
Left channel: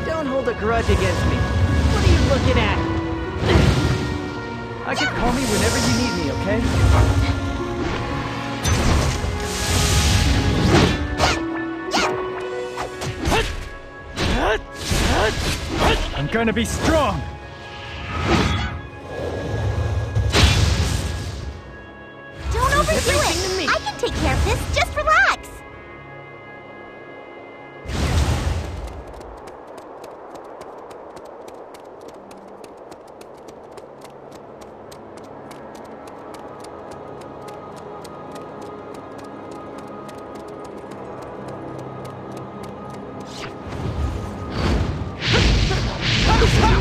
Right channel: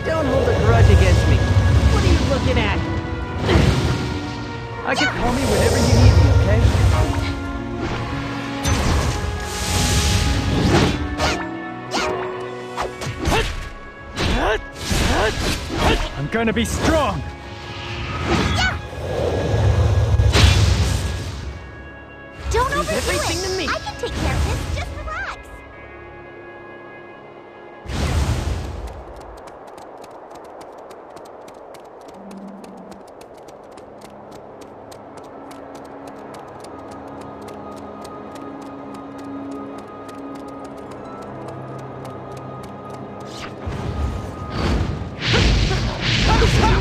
Don't hold a grudge against me. What are you looking at? I can call me whenever you need me, okay? I'm gonna be strong! Don't overdo everything to me. it! I can take care of this, just relax!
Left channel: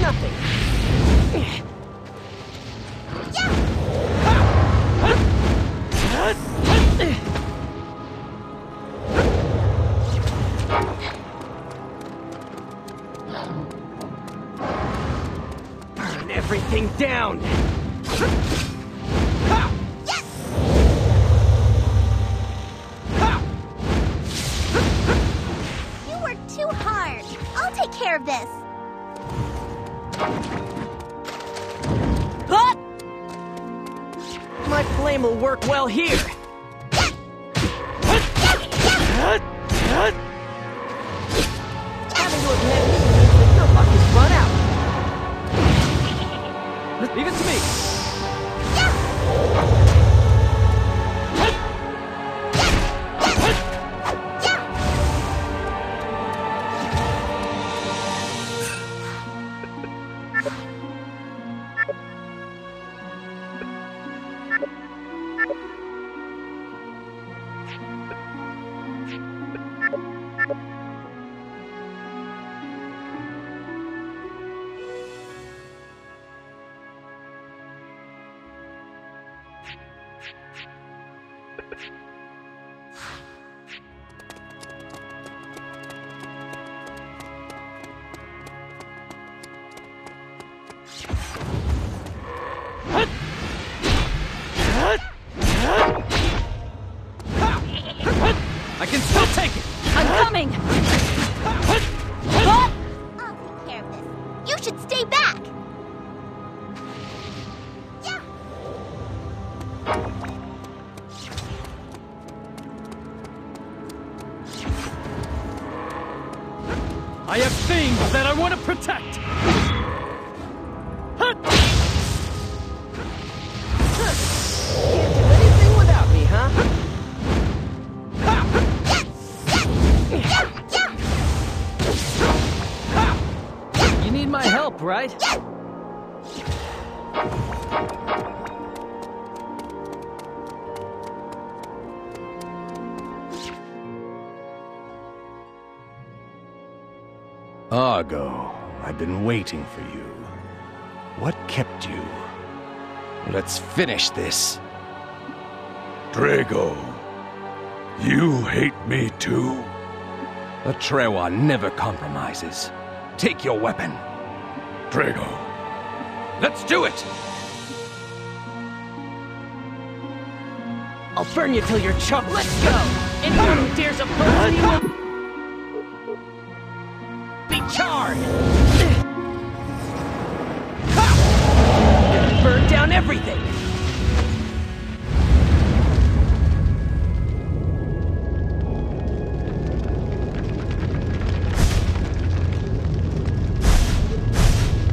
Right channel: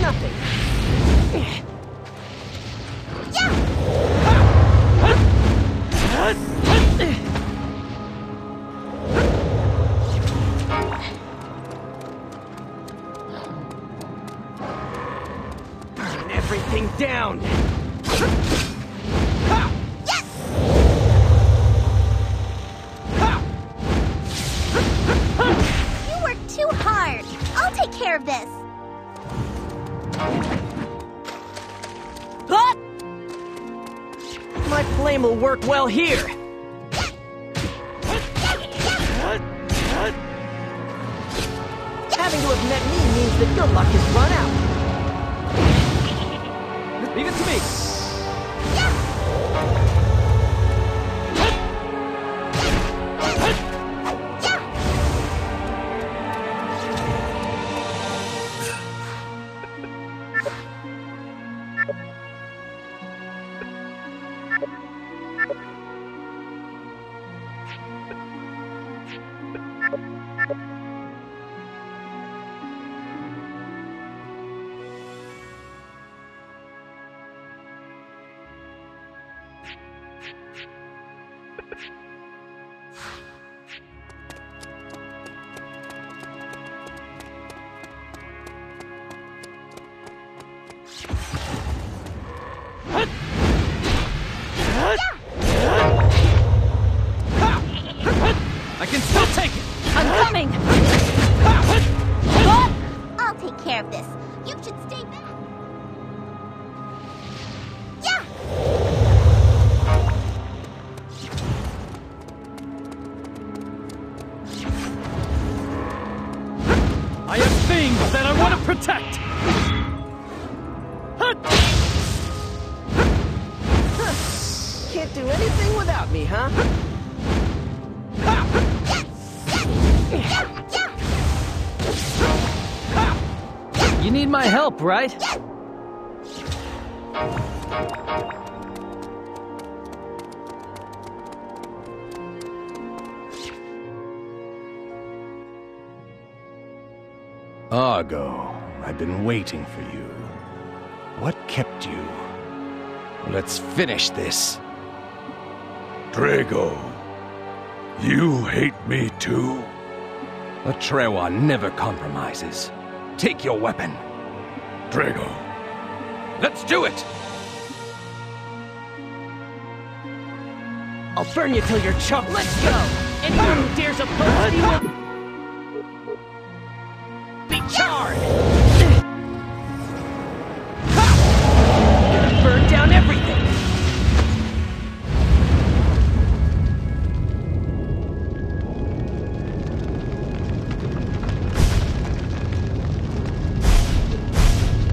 Nothing. Burn everything down. You worked too hard. I'll take care of this. My flame will work well here. Having to have met me means that your luck has run out. Leave it to me! I can still take it! I'm coming! I have things that I want to protect! Can't do anything without me, huh? You need my help, right? Argo, I've been waiting for you. What kept you? Let's finish this. Drago, you hate me too? The Trewa never compromises. Take your weapon. Drago. Let's do it! I'll burn you till you're chopped. Let's go! Anyone who dares oppose me will be charred! Burn down everything!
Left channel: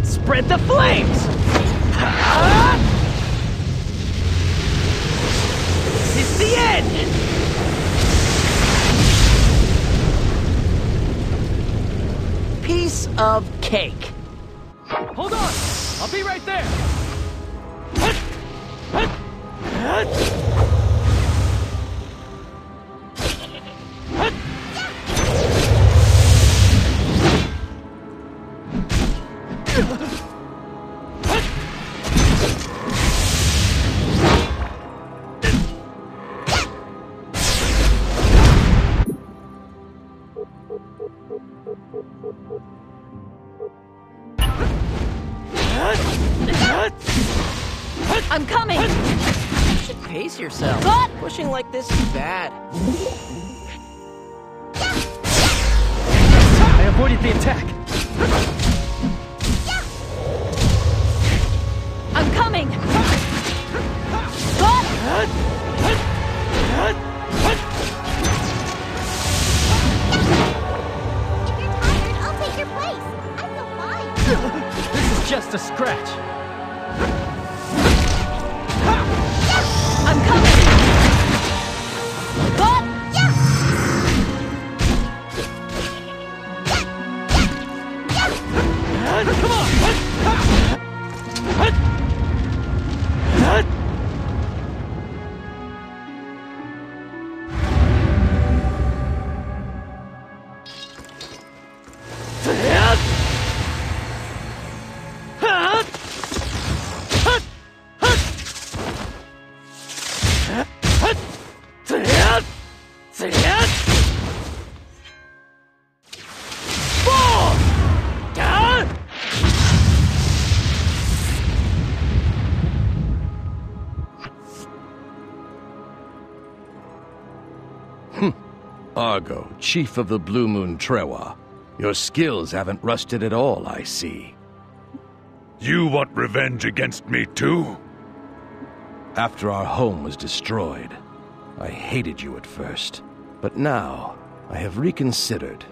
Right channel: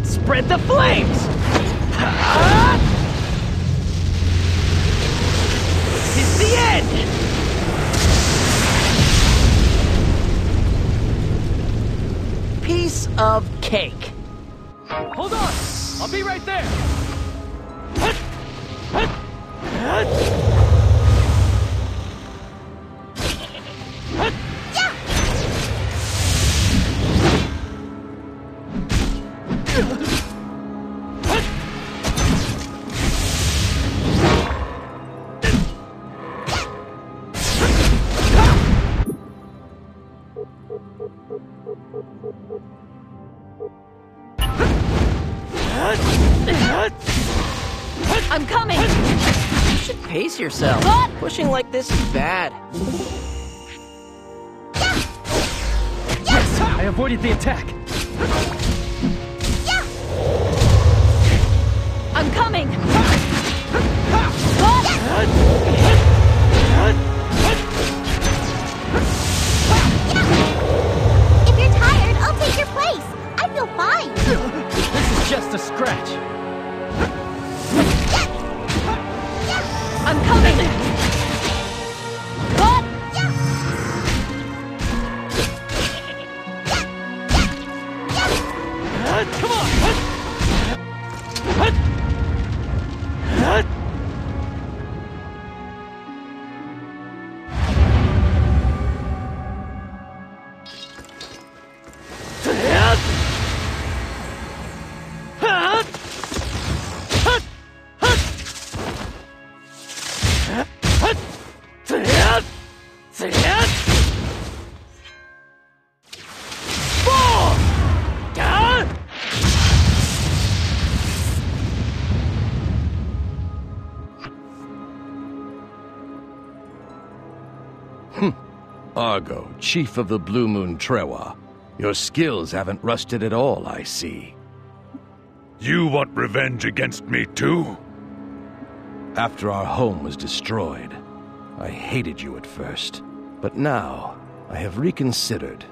Spread the flames! It's the end! Piece of cake. Hold on! I'll be right there! I'm coming! You should pace yourself. Pushing like this is bad. I avoided the attack! I'm coming! If you're tired, I'll take your place. I feel fine. This is just a scratch! I'm coming! Come on! Argo, chief of the Blue Moon Trewa. Your skills haven't rusted at all, I see. You want revenge against me too? After our home was destroyed, I hated you at first. But now, I have reconsidered.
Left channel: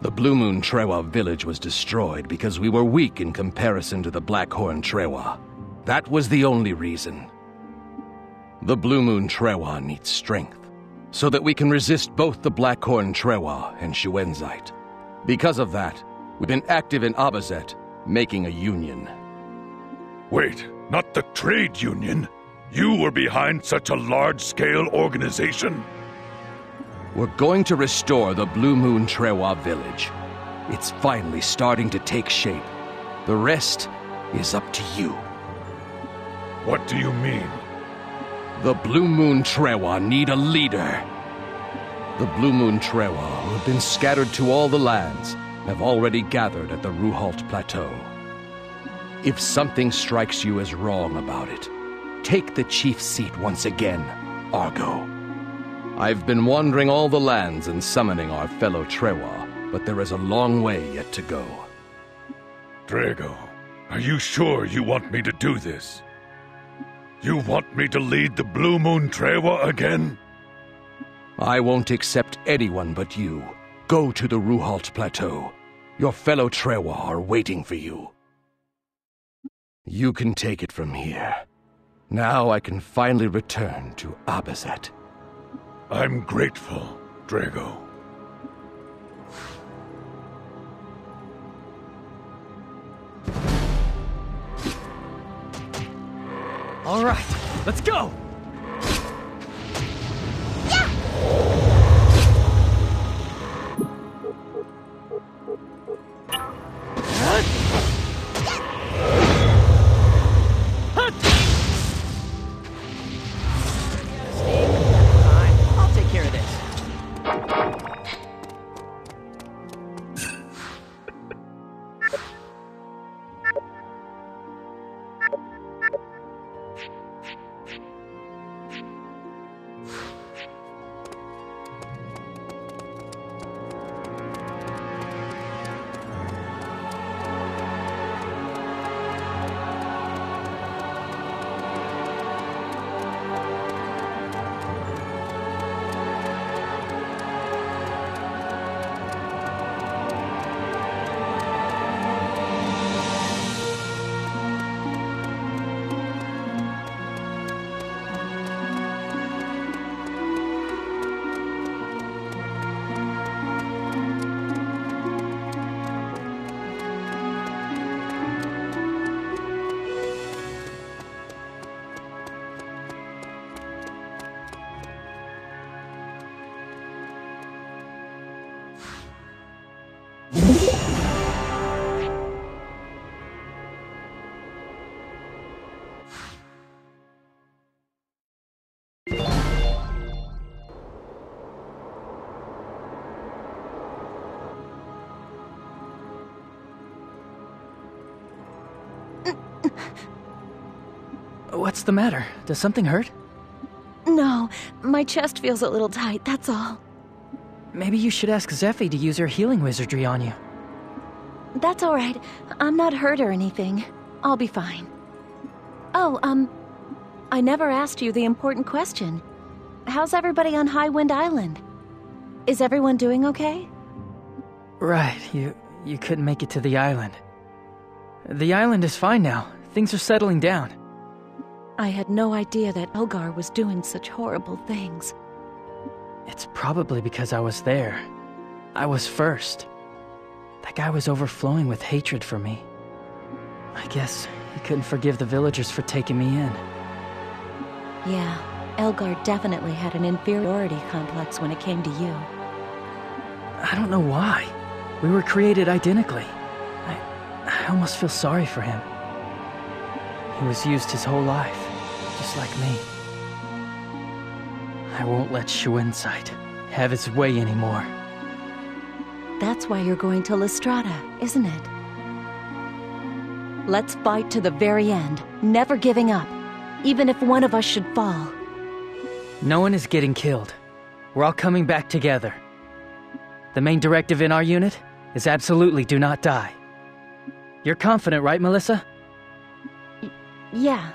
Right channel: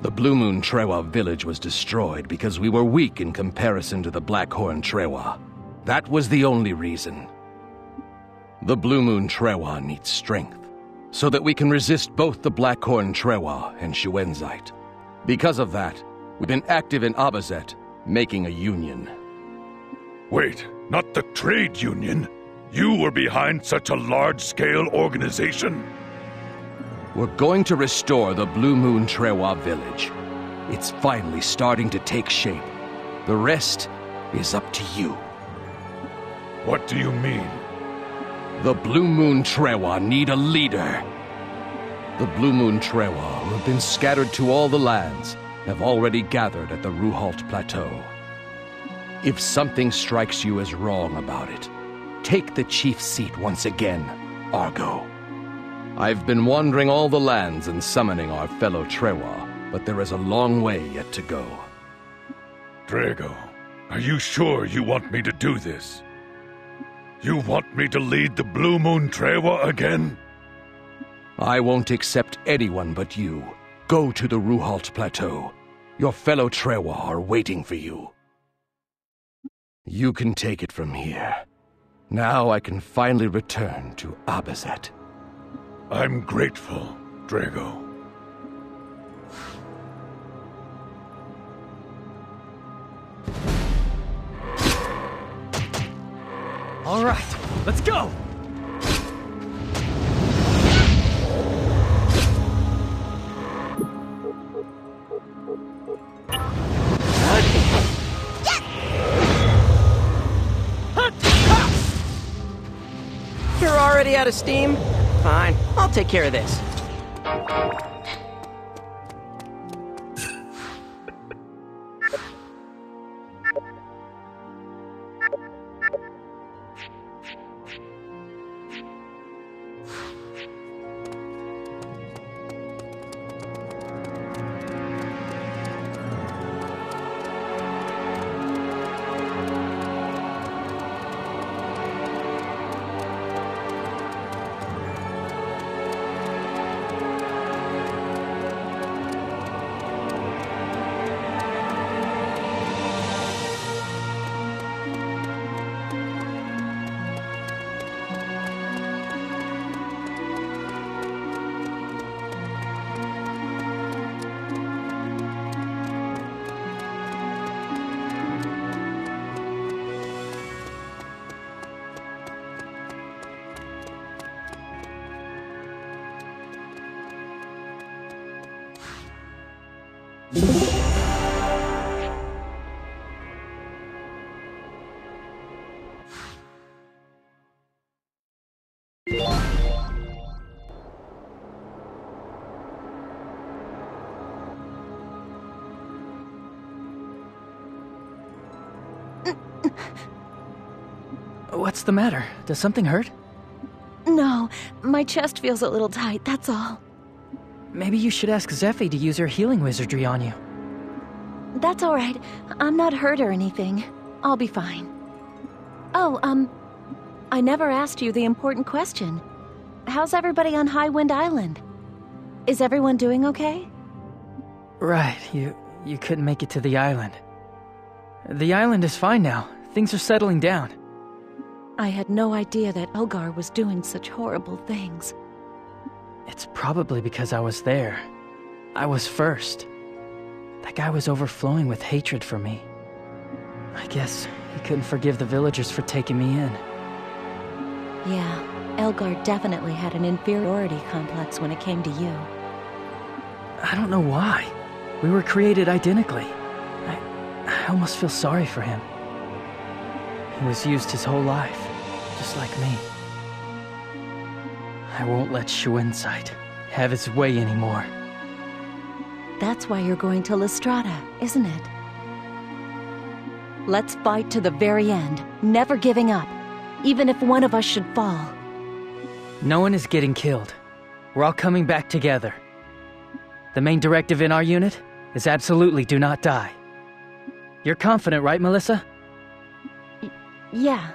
The Blue Moon Trewa village was destroyed because we were weak in comparison to the Blackhorn Trewa. That was the only reason. The Blue Moon Trewa needs strength, so that we can resist both the Blackhorn Trewa and Shuenzite. Because of that, we've been active in Abazet, making a union. Wait, not the trade union? You were behind such a large-scale organization? We're going to restore the Blue Moon Trewa village. It's finally starting to take shape. The rest is up to you. What do you mean? The Blue Moon Trewa need a leader. The Blue Moon Trewa, who have been scattered to all the lands, have already gathered at the Ruhalt Plateau. If something strikes you as wrong about it, take the chief's seat once again, Argo. I've been wandering all the lands and summoning our fellow Trewa, but there is a long way yet to go. Drago, are you sure you want me to do this? You want me to lead the Blue Moon Trewa again? I won't accept anyone but you, Go to the Ruhalt Plateau. Your fellow Trewa are waiting for you. You can take it from here. Now I can finally return to Abazet. I'm grateful, Drago. All right, let's go! You're already out of steam? Fine, I'll take care of this. What's the matter? Does something hurt? No, my chest feels a little tight, that's all. Maybe you should ask Zephy to use her healing wizardry on you. That's all right. I'm not hurt or anything. I'll be fine. Oh, I never asked you the important question. How's everybody on Highwind Island? Is everyone doing okay? Right, you couldn't make it to the island. The island is fine now. Things are settling down. I had no idea that Elgar was doing such horrible things. It's probably because I was there. I was first. That guy was overflowing with hatred for me. I guess he couldn't forgive the villagers for taking me in. Yeah, Elgar definitely had an inferiority complex when it came to you. I don't know why. We were created identically. I almost feel sorry for him. He was used his whole life, just like me. I won't let Shuinsight have his way anymore. That's why you're going to Lestrada, isn't it? Let's fight to the very end, never giving up, even if one of us should fall. No one is getting killed. We're all coming back together. The main directive in our unit is absolutely do not die. You're confident, right, Melissa? Yeah.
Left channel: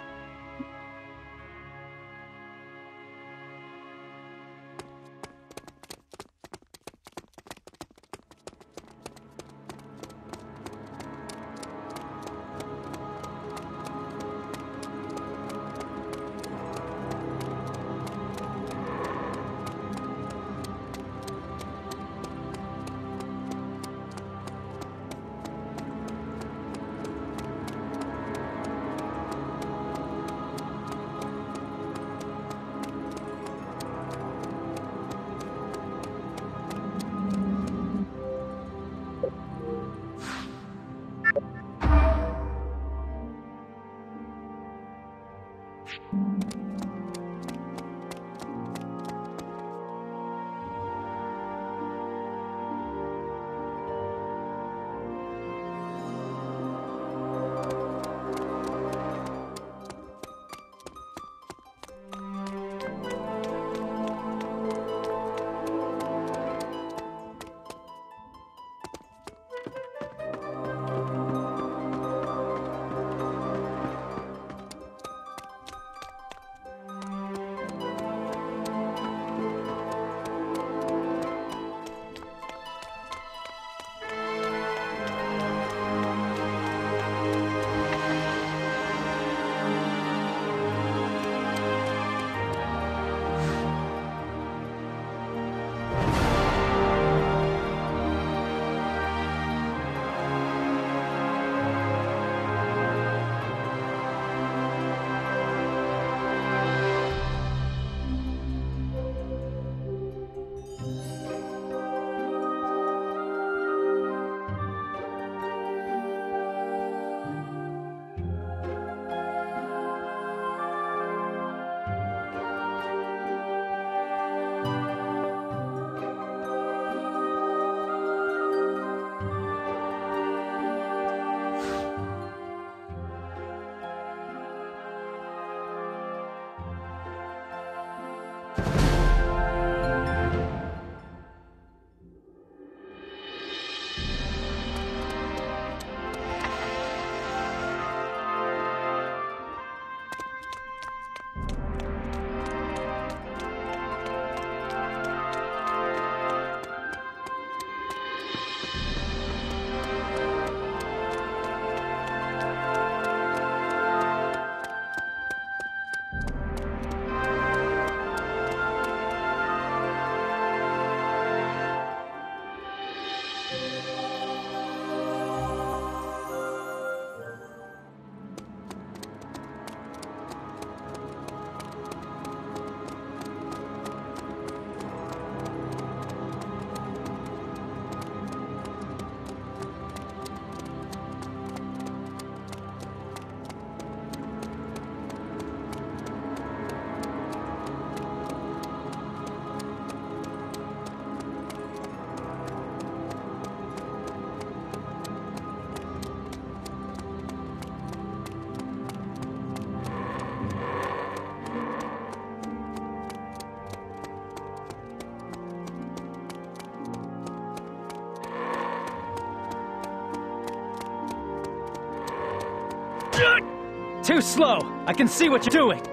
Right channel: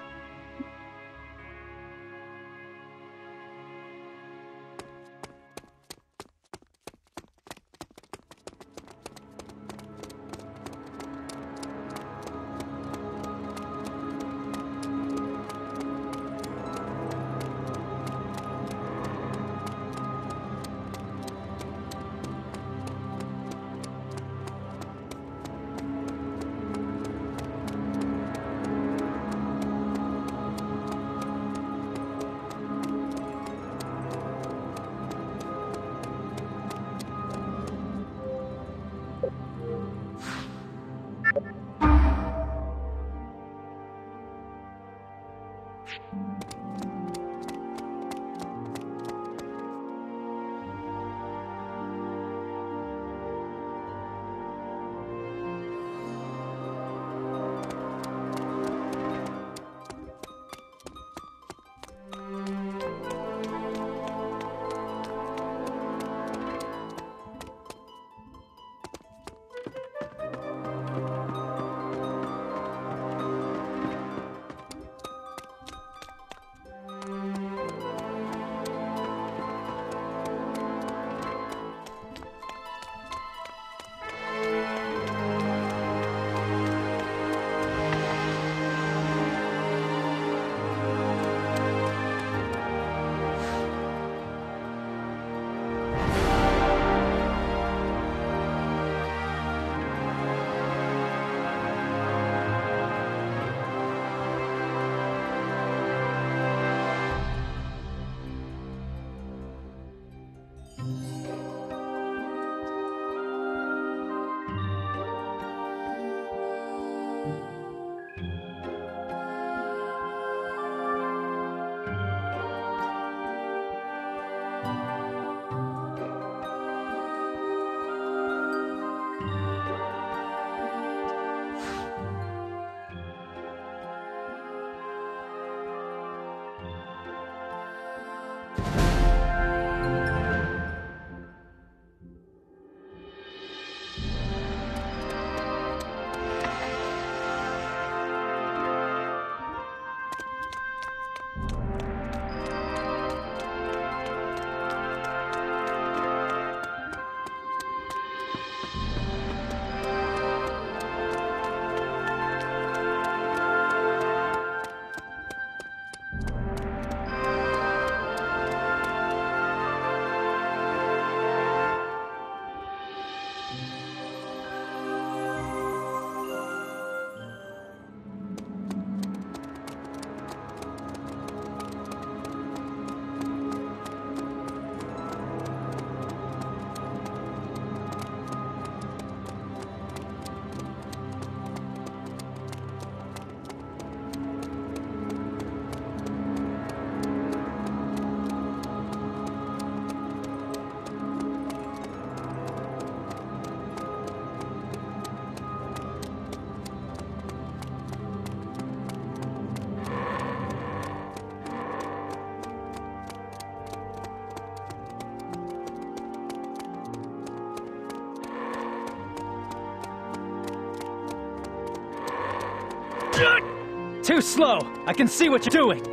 too slow. I can see what you're doing.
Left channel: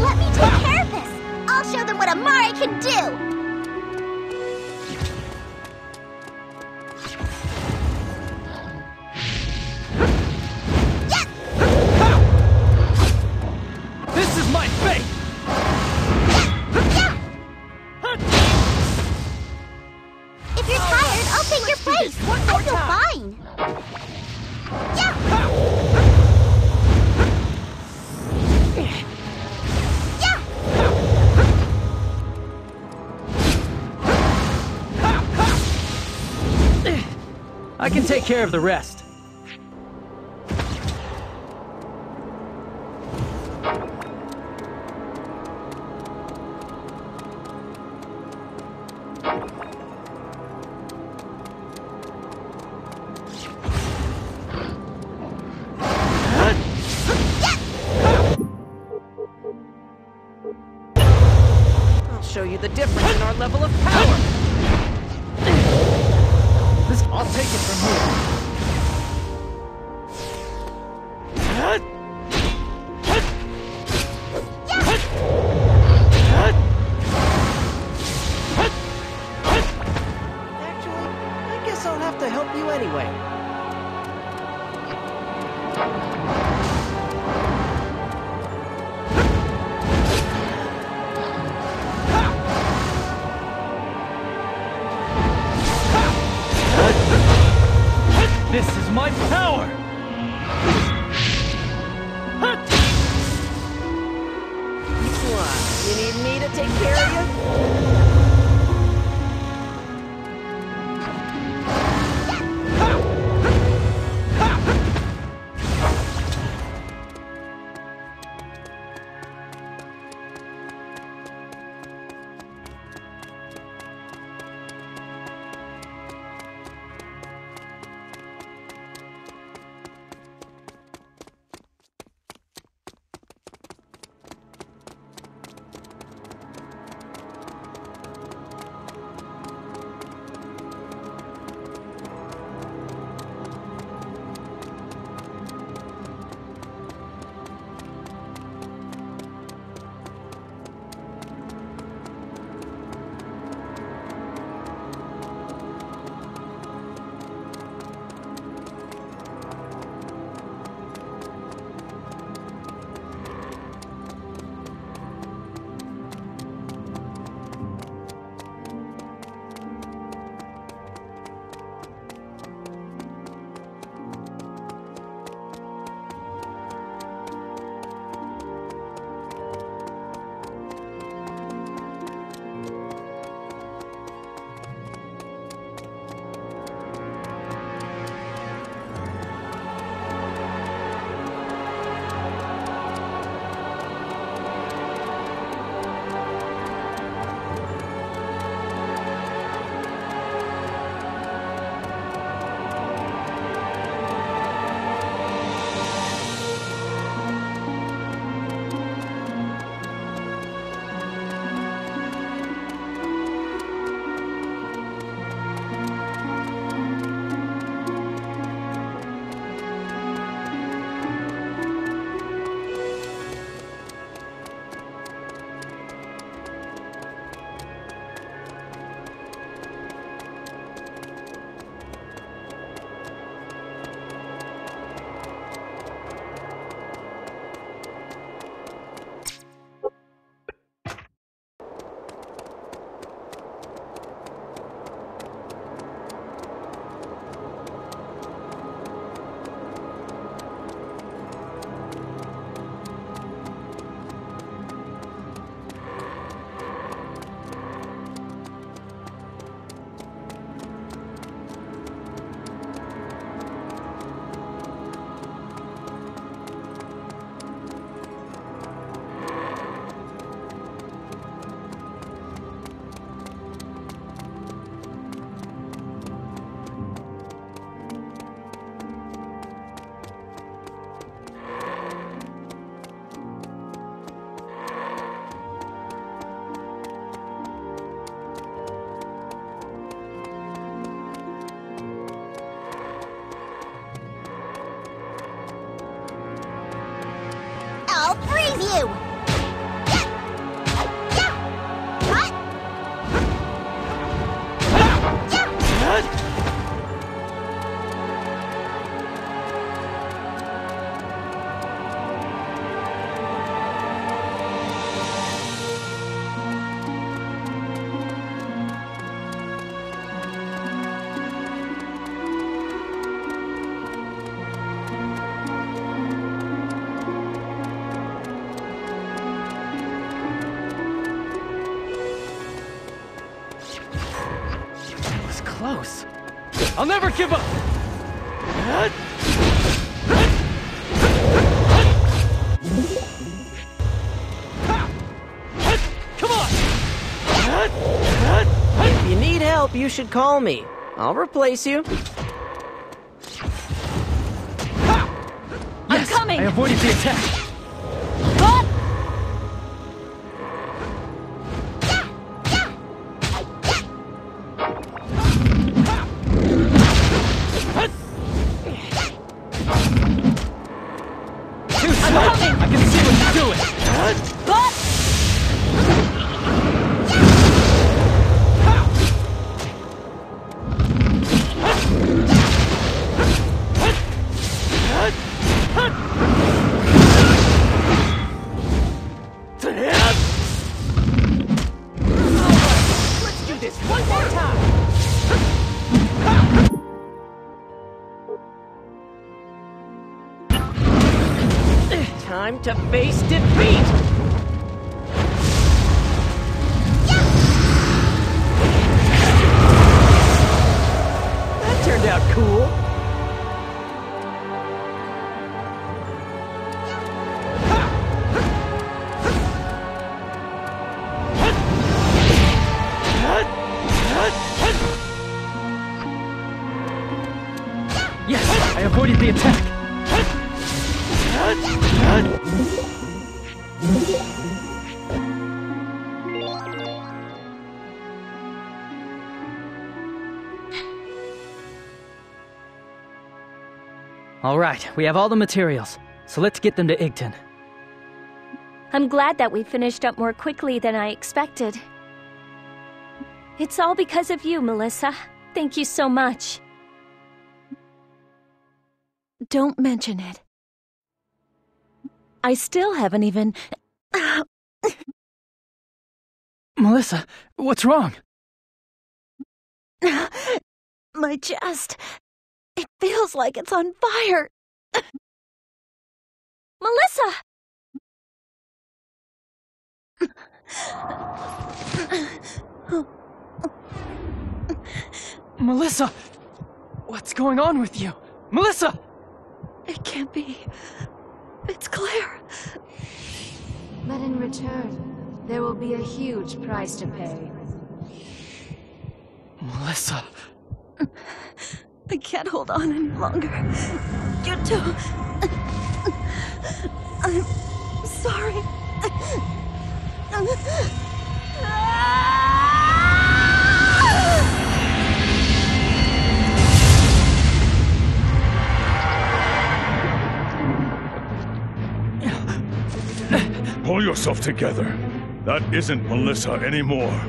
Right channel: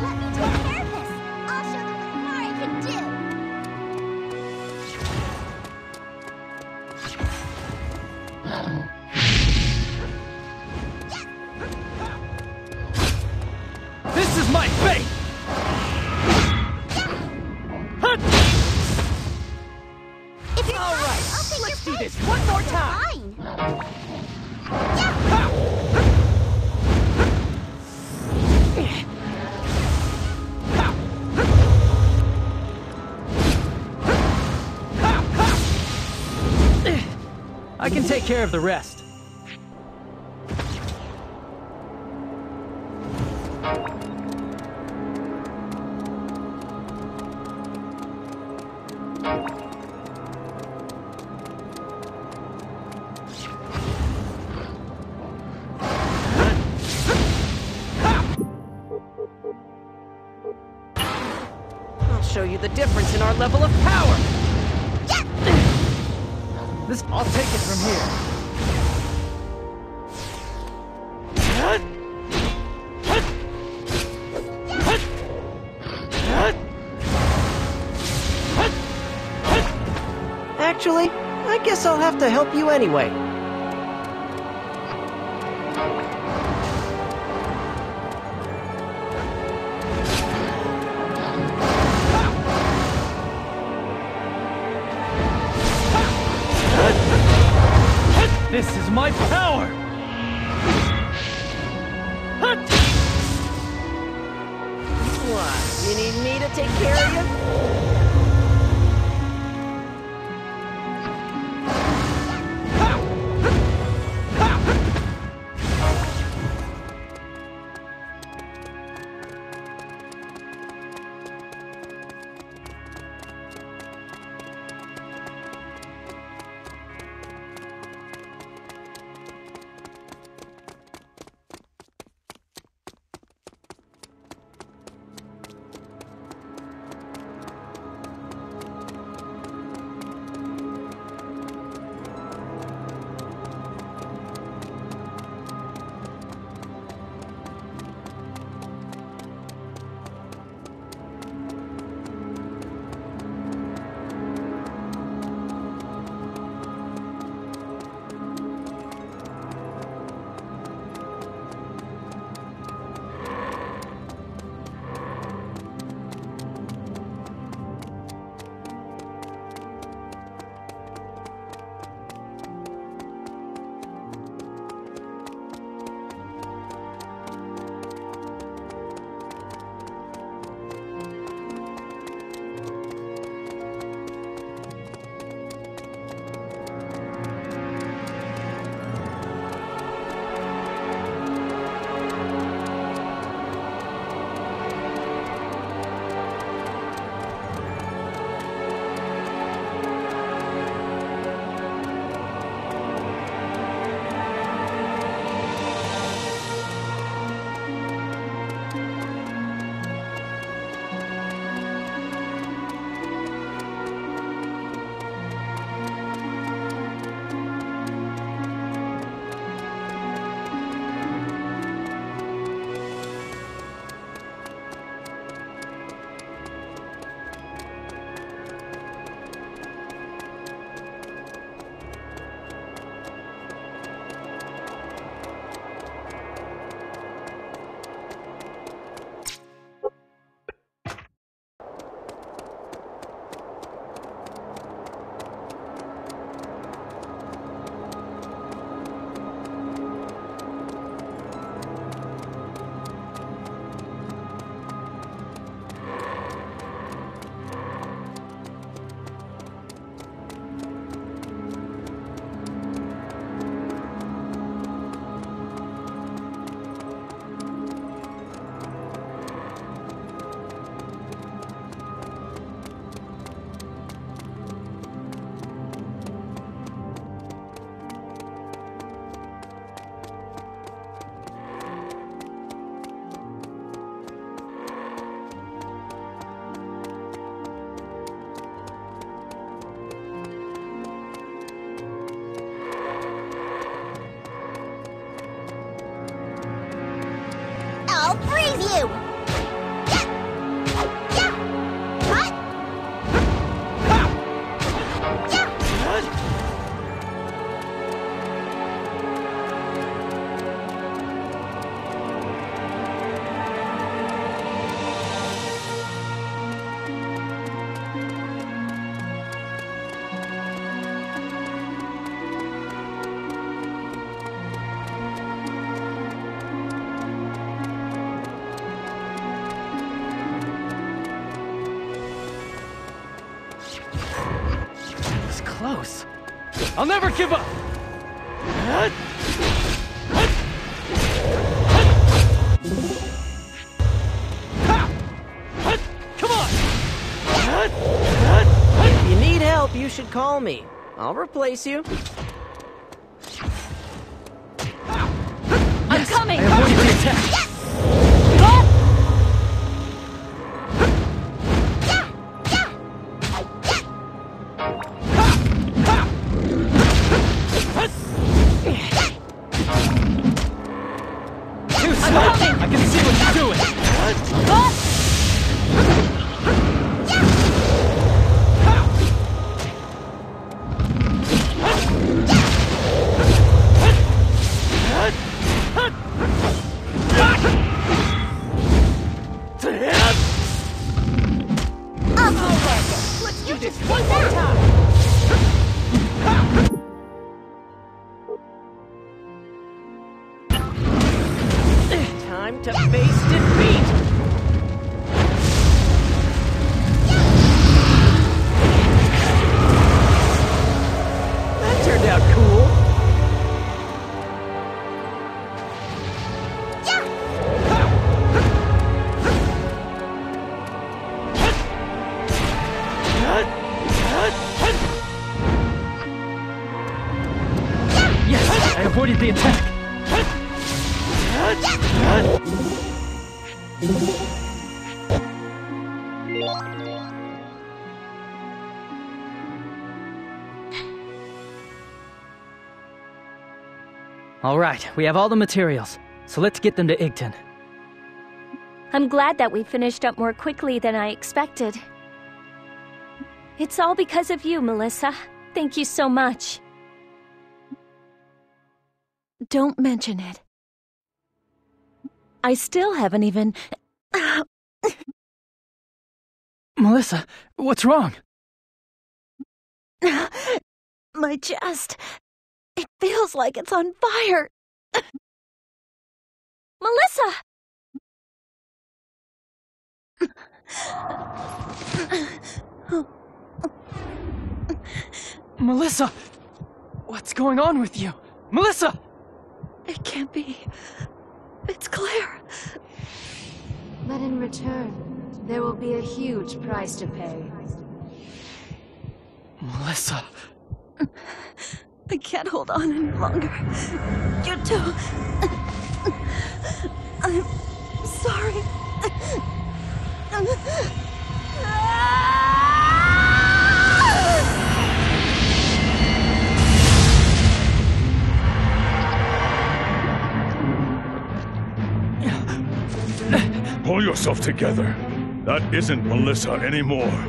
Let me take care of this. I'll show them what Amare can do. This is my fate! If you're tired, I'll take your place. One more time. I can take care of the rest. I'll show you the difference in our level of power. I'll take it from here. Actually, I guess I'll have to help you anyway. This is my power! What? You need me to take care of you? close. I'll never give up! Come on! If you need help, you should call me. I'll replace you. I'm coming! I avoided the attack! Too slow! I can see what you're doing! Time to face defeat! That turned out cool. Yes, I avoided the attack! All right, we have all the materials, so let's get them to Igton. I'm glad that we finished up more quickly than I expected. It's all because of you, Melissa. Thank you so much. Don't mention it. I still haven't even... Melissa, what's wrong? My chest... It feels like it's on fire. Melissa! Melissa! What's going on with you? Melissa! It can't be. It's Claire. But in return, there will be a huge price to pay. Melissa... I can't hold on any longer. You two... I'm sorry. Pull yourself together. That isn't Melissa anymore.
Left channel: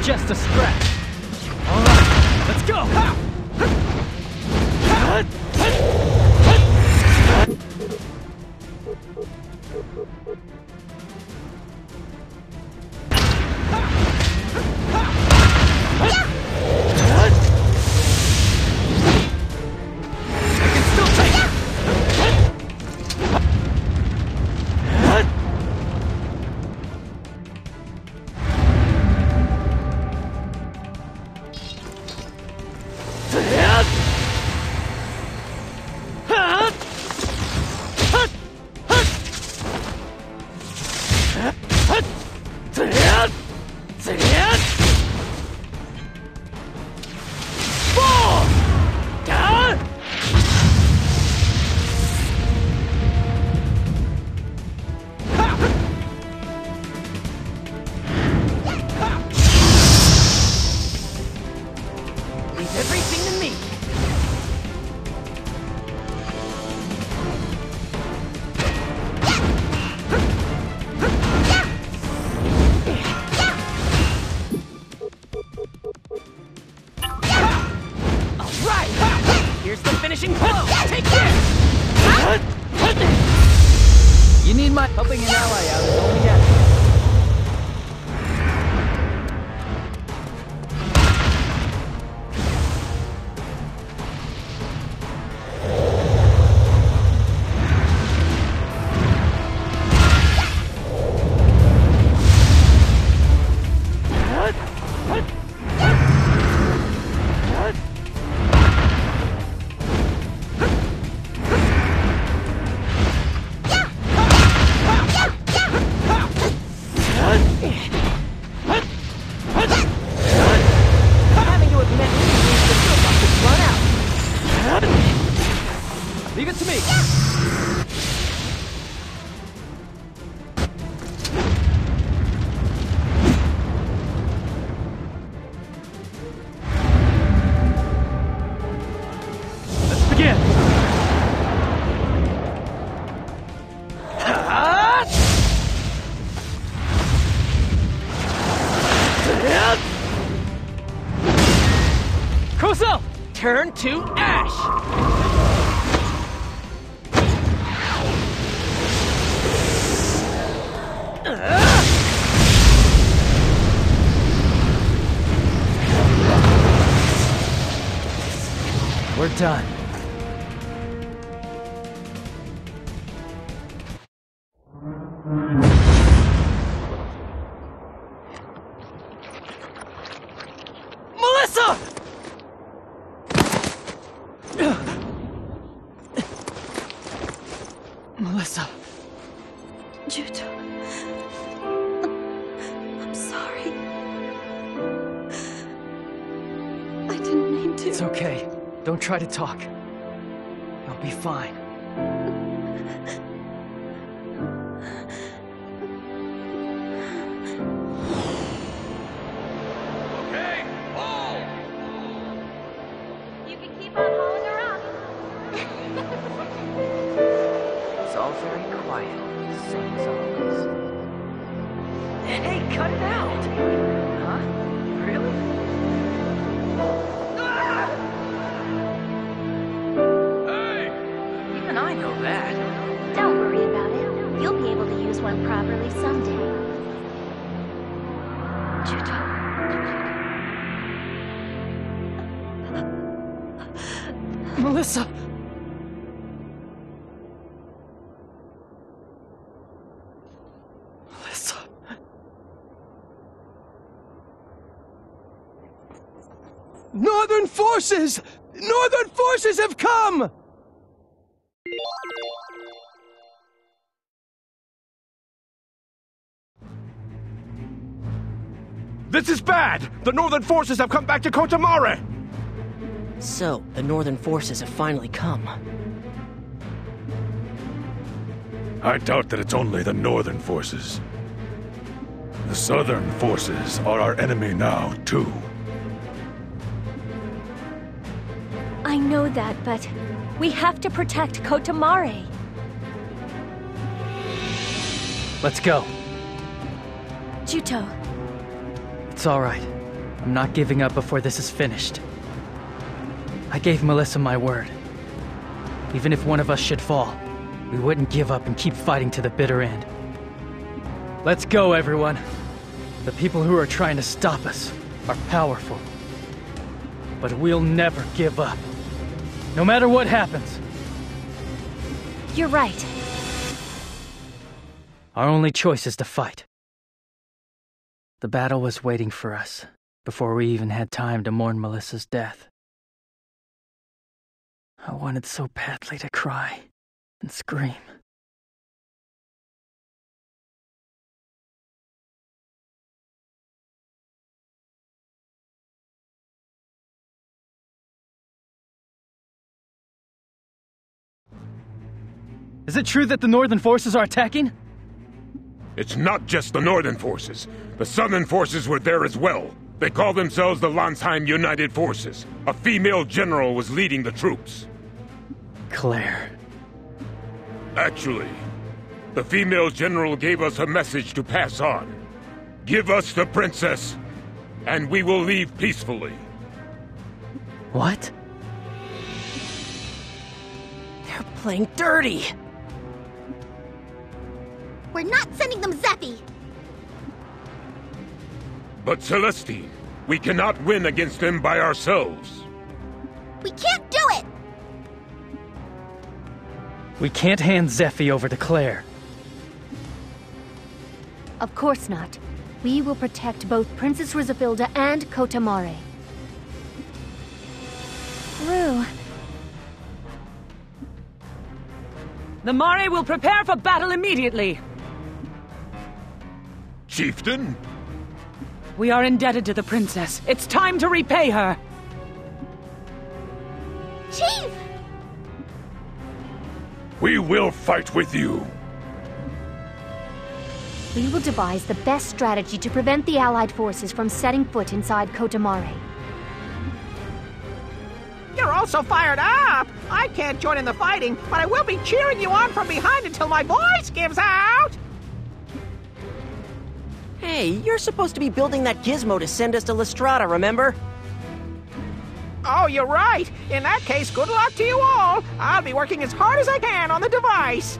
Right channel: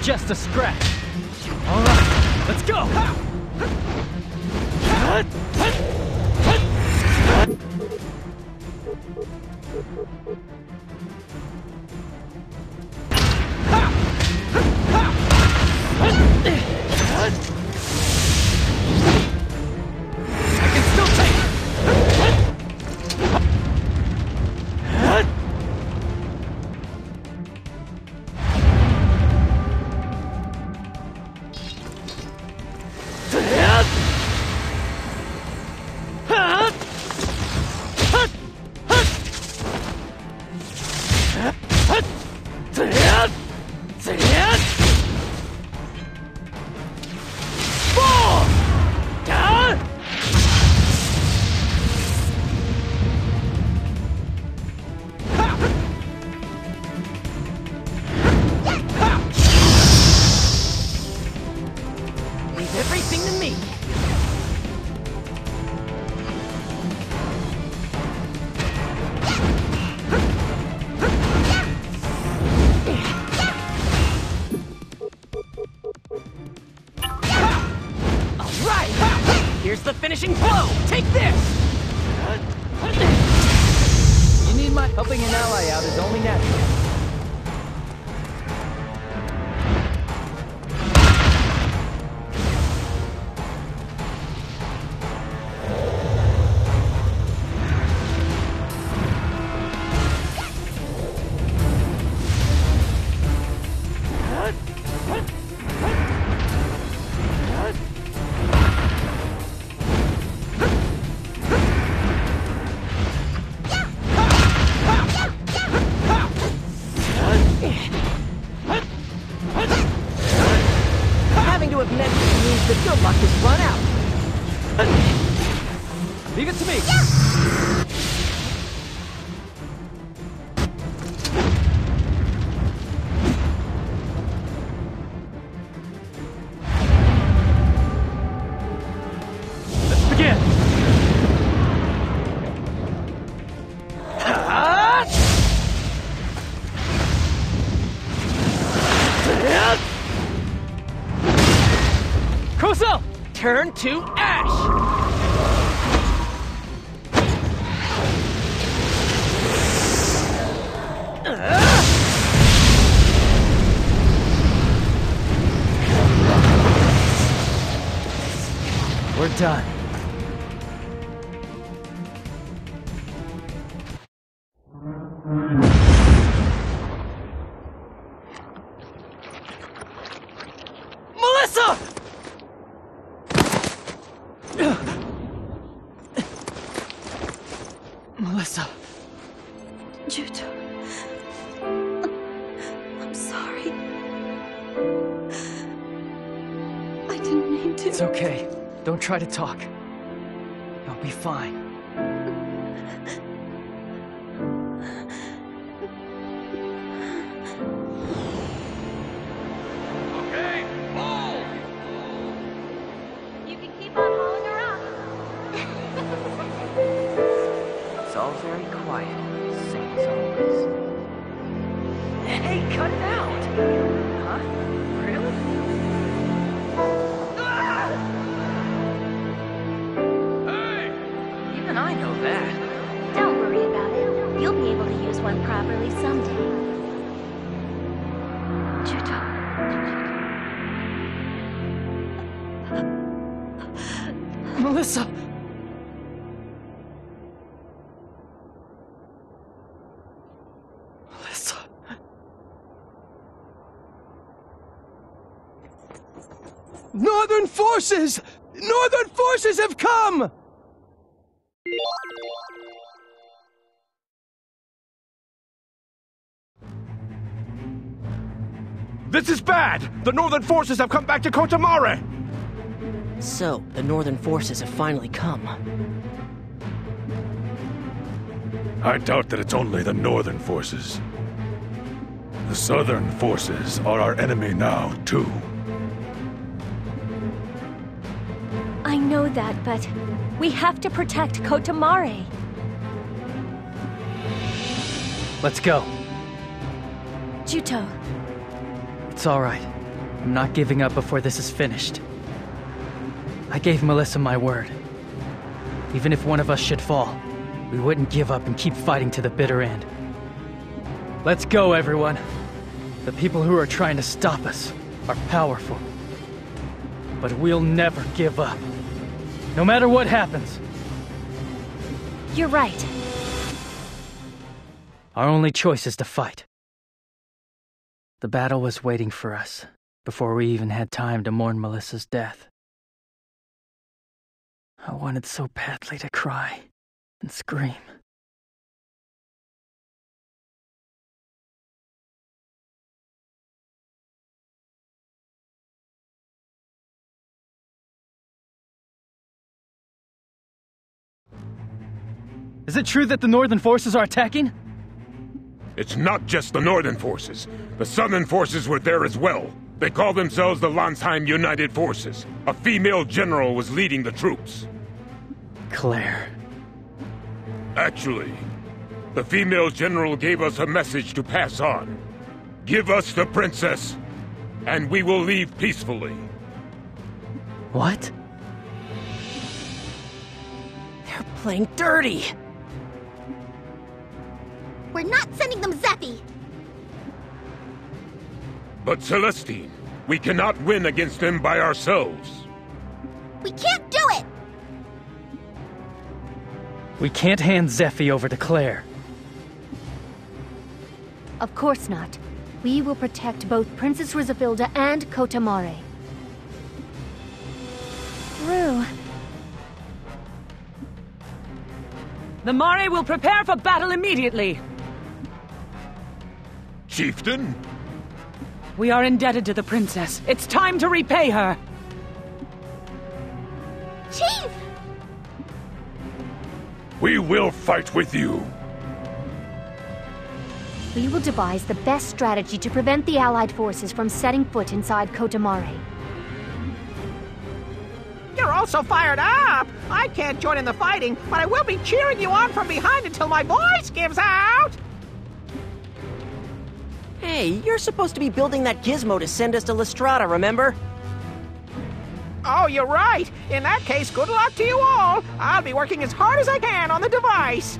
Just a scratch. All right, let's go. I can still take it. Here's the finishing blow! Take this! You need my... Helping an ally out is only natural. met me means the good luck has run out. Leave it to me! Let's begin! Koso! Turn to ash! We're done. Melissa! Melissa. Juto. I'm sorry. I didn't mean to. It's okay. Don't try to talk. You'll be fine. Okay, pull! You can keep on hauling her up. It's all very quiet, same as always. Hey, cut it out! Huh? Really? Hey! Even I know that. Don't worry about it. You'll be able to use one properly someday. Juto. Melissa! Melissa. Northern forces! Northern forces have come! This is bad! The Northern forces have come back to Kotamare! So, the Northern forces have finally come. I doubt that it's only the Northern forces. The Southern forces are our enemy now, too. I know that, but we have to protect Kotamare. Let's go. Juto, It's all right. I'm not giving up before this is finished. I gave Melissa my word. Even if one of us should fall, we wouldn't give up and keep fighting to the bitter end. Let's go, everyone. The people who are trying to stop us are powerful. But we'll never give up. No matter what happens. you're right. Our only choice is to fight. The battle was waiting for us, before we even had time to mourn Melissa's death. I wanted so badly to cry and scream. Is it true that the Northern forces are attacking? It's not just the Northern forces. The Southern forces were there as well. They call themselves the Landsheim United Forces. A female general was leading the troops. Claire. Actually, the female general gave us a message to pass on. Give us the princess, and we will leave peacefully. What? They're playing dirty! We're not sending them Zeppi! But Celestine, we cannot win against them by ourselves. We can't do it! We can't hand Zephi over to Claire. Of course not. We will protect both Princess Rizafilda and Kotamare. Rue. The Mare will prepare for battle immediately. Chieftain? We are indebted to the princess. It's time to repay her. Chief! We will fight with you. We will devise the best strategy to prevent the Allied forces from setting foot inside Kotamare. You're all so fired up! I can't join in the fighting, but I will be cheering you on from behind until my voice gives out! Hey, you're supposed to be building that gizmo to send us to Lestrada, remember? Oh, you're right! In that case, good luck to you all! I'll be working as hard as I can on the device!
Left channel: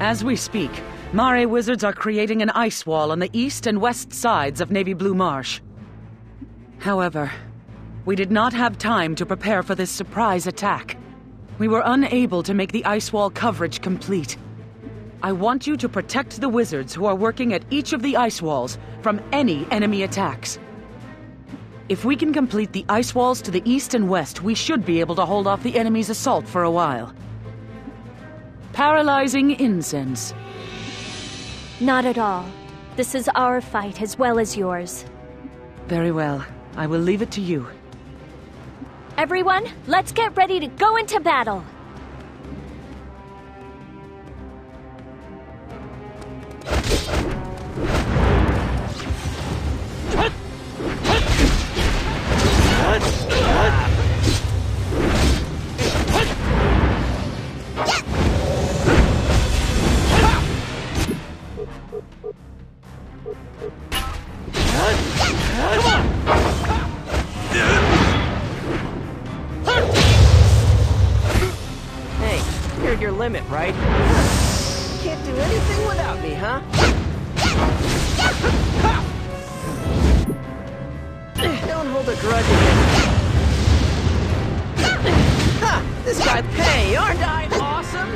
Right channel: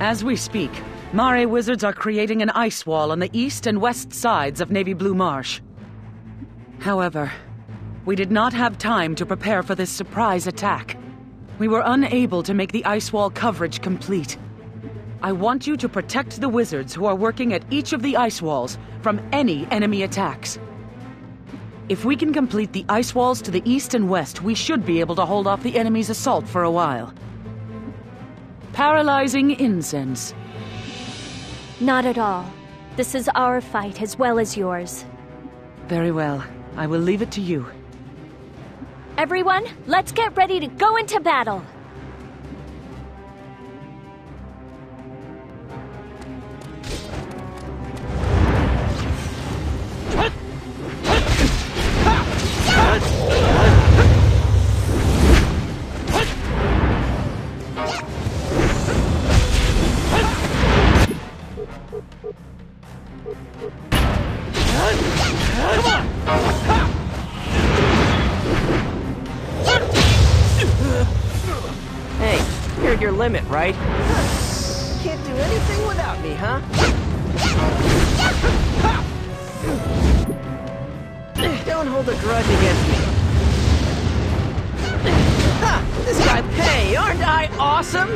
As we speak, Mare wizards are creating an ice wall on the east and west sides of Navy Blue Marsh. However, we did not have time to prepare for this surprise attack. We were unable to make the ice wall coverage complete. I want you to protect the wizards who are working at each of the ice walls from any enemy attacks. If we can complete the ice walls to the east and west, we should be able to hold off the enemy's assault for a while. Paralyzing incense. Not at all. This is our fight as well as yours. Very well. I will leave it to you. Everyone, let's get ready to go into battle! Hey, you're at your limit, right? Can't do anything without me, huh? Don't hold a grudge against me. Ha! This guy, hey, aren't I awesome?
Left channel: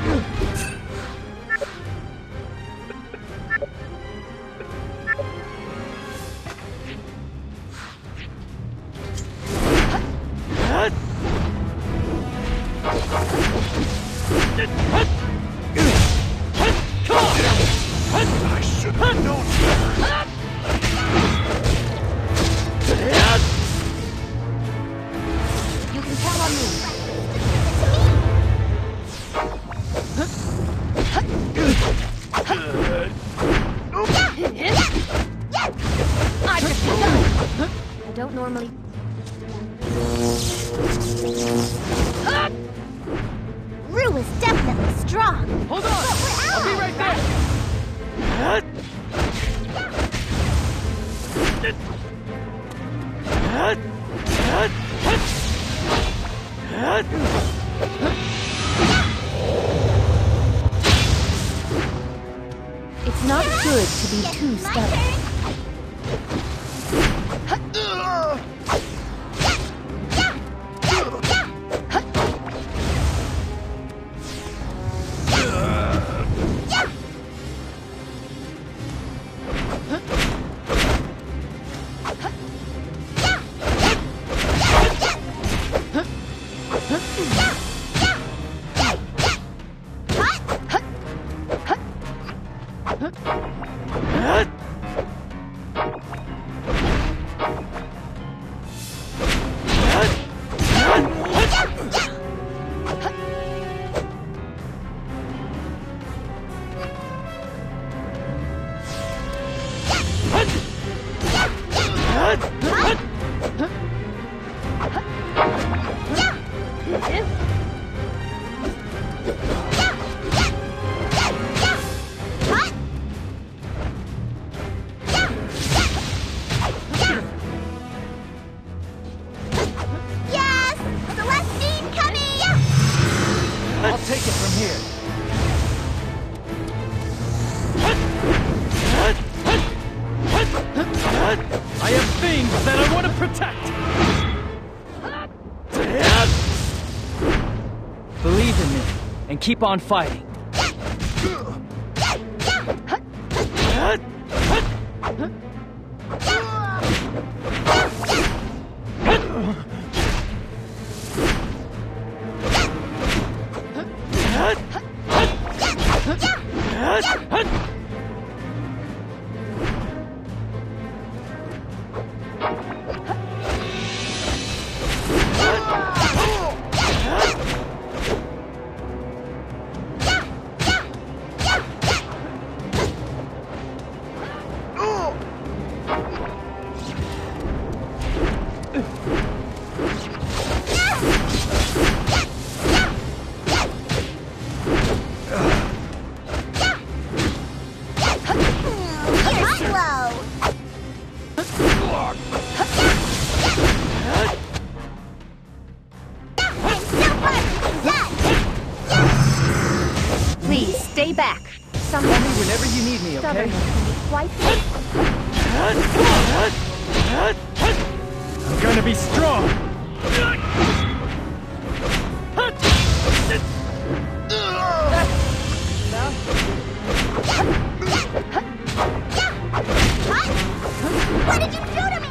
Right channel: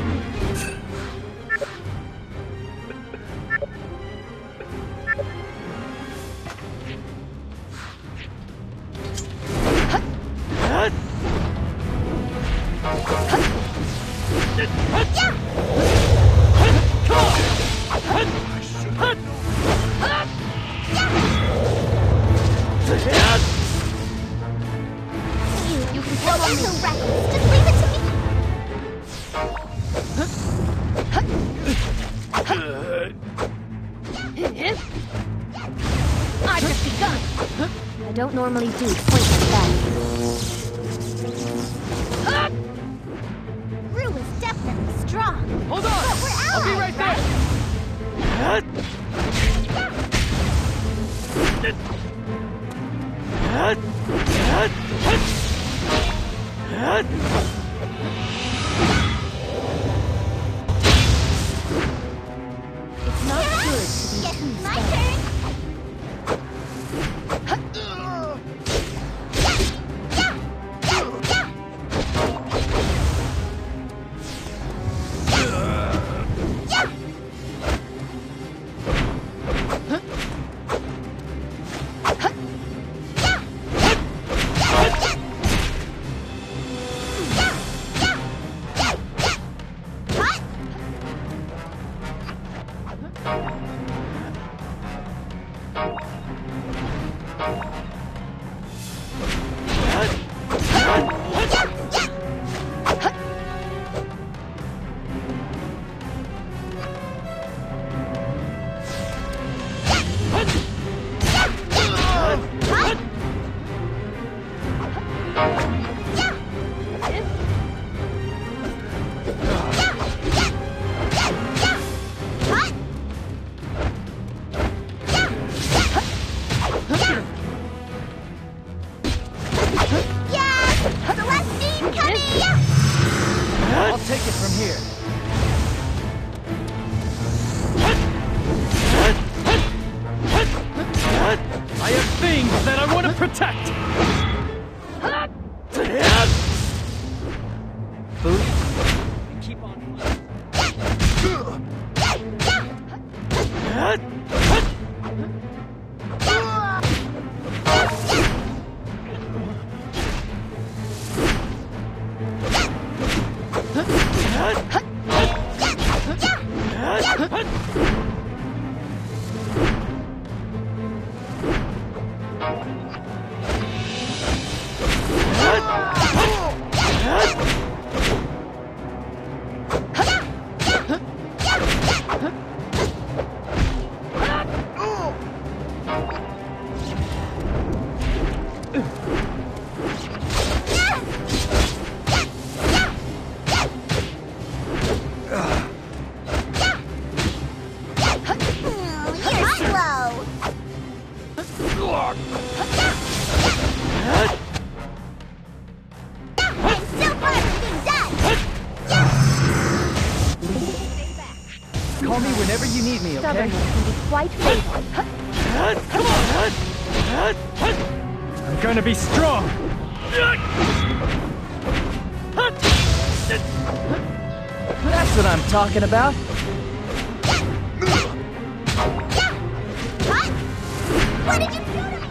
I should have known better. You can count on me. I've just begun! I don't normally do points like that. Rue is definitely strong. Hold on! I'll be right there! Not good to be too stubborn. Keep on fighting. Be strong! That's what I'm talking about. What did you do to me?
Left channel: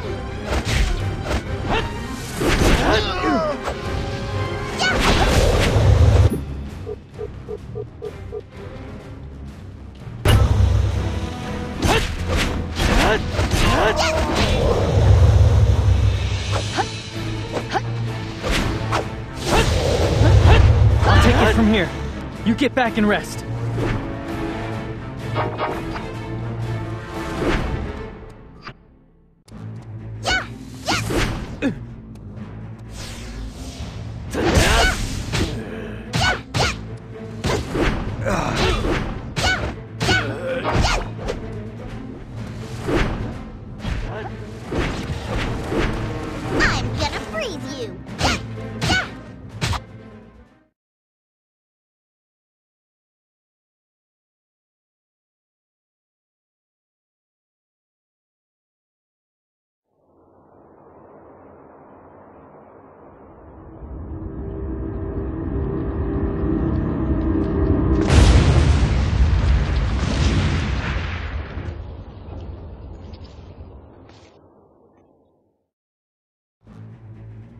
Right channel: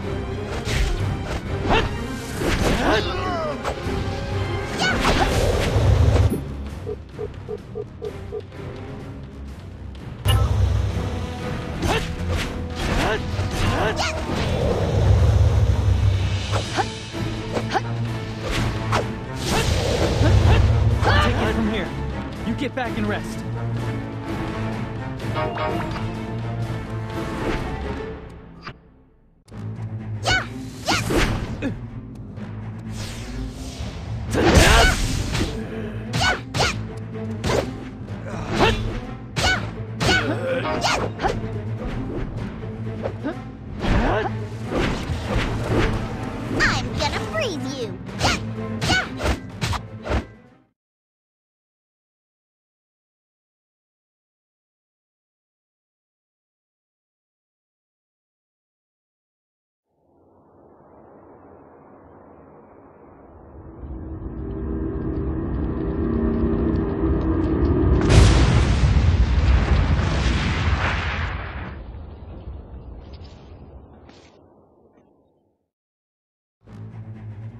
From here. You get back and rest. I'm gonna freeze you.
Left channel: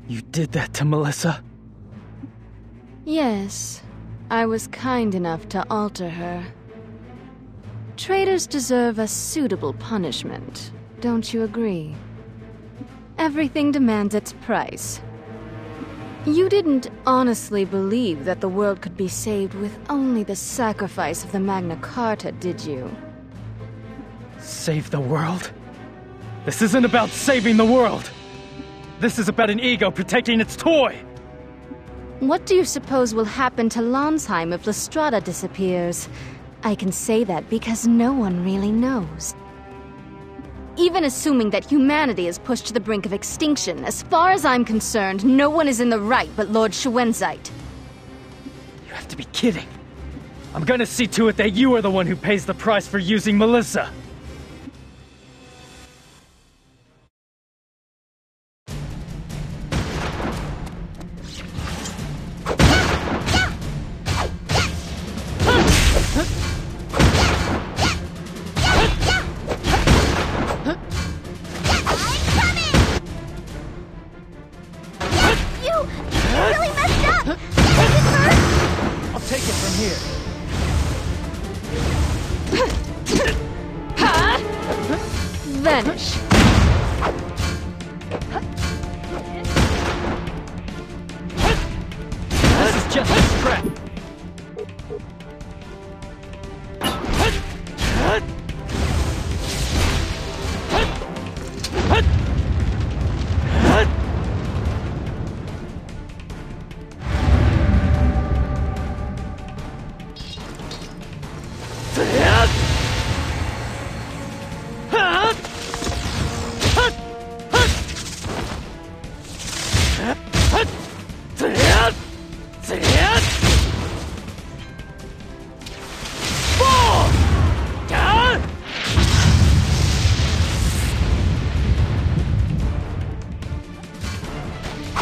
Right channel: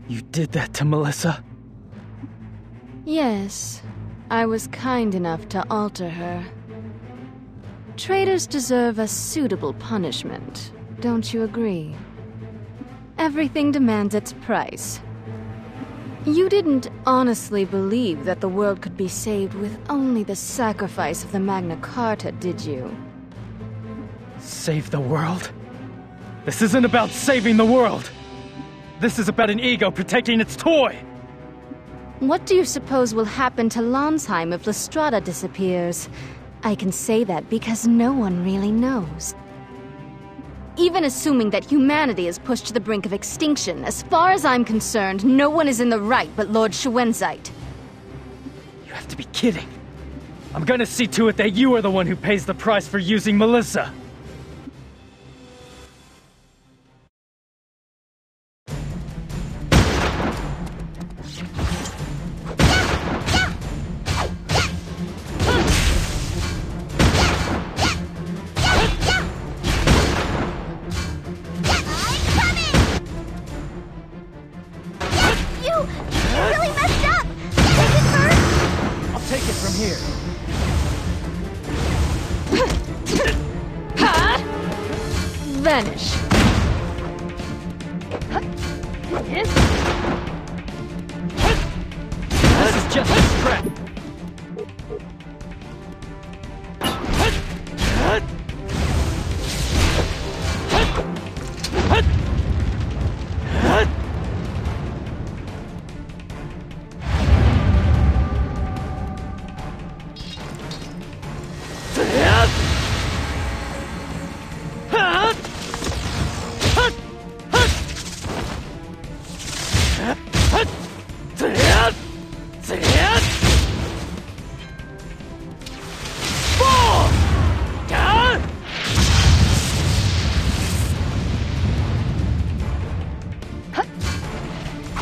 You did that to Melissa? Yes, I was kind enough to alter her. Traitors deserve a suitable punishment, don't you agree? Everything demands its price. You didn't honestly believe that the world could be saved with only the sacrifice of the MagnaCarta, did you? Save the world? This isn't about saving the world! This is about an ego protecting its toy! What do you suppose will happen to Landsheim if Lestrada disappears? I can say that because no one really knows. Even assuming that humanity is pushed to the brink of extinction, as far as I'm concerned, no one is in the right but Lord Schwenzite. You have to be kidding. I'm gonna see to it that you are the one who pays the price for using Melissa. Vanish. This is just a scrap.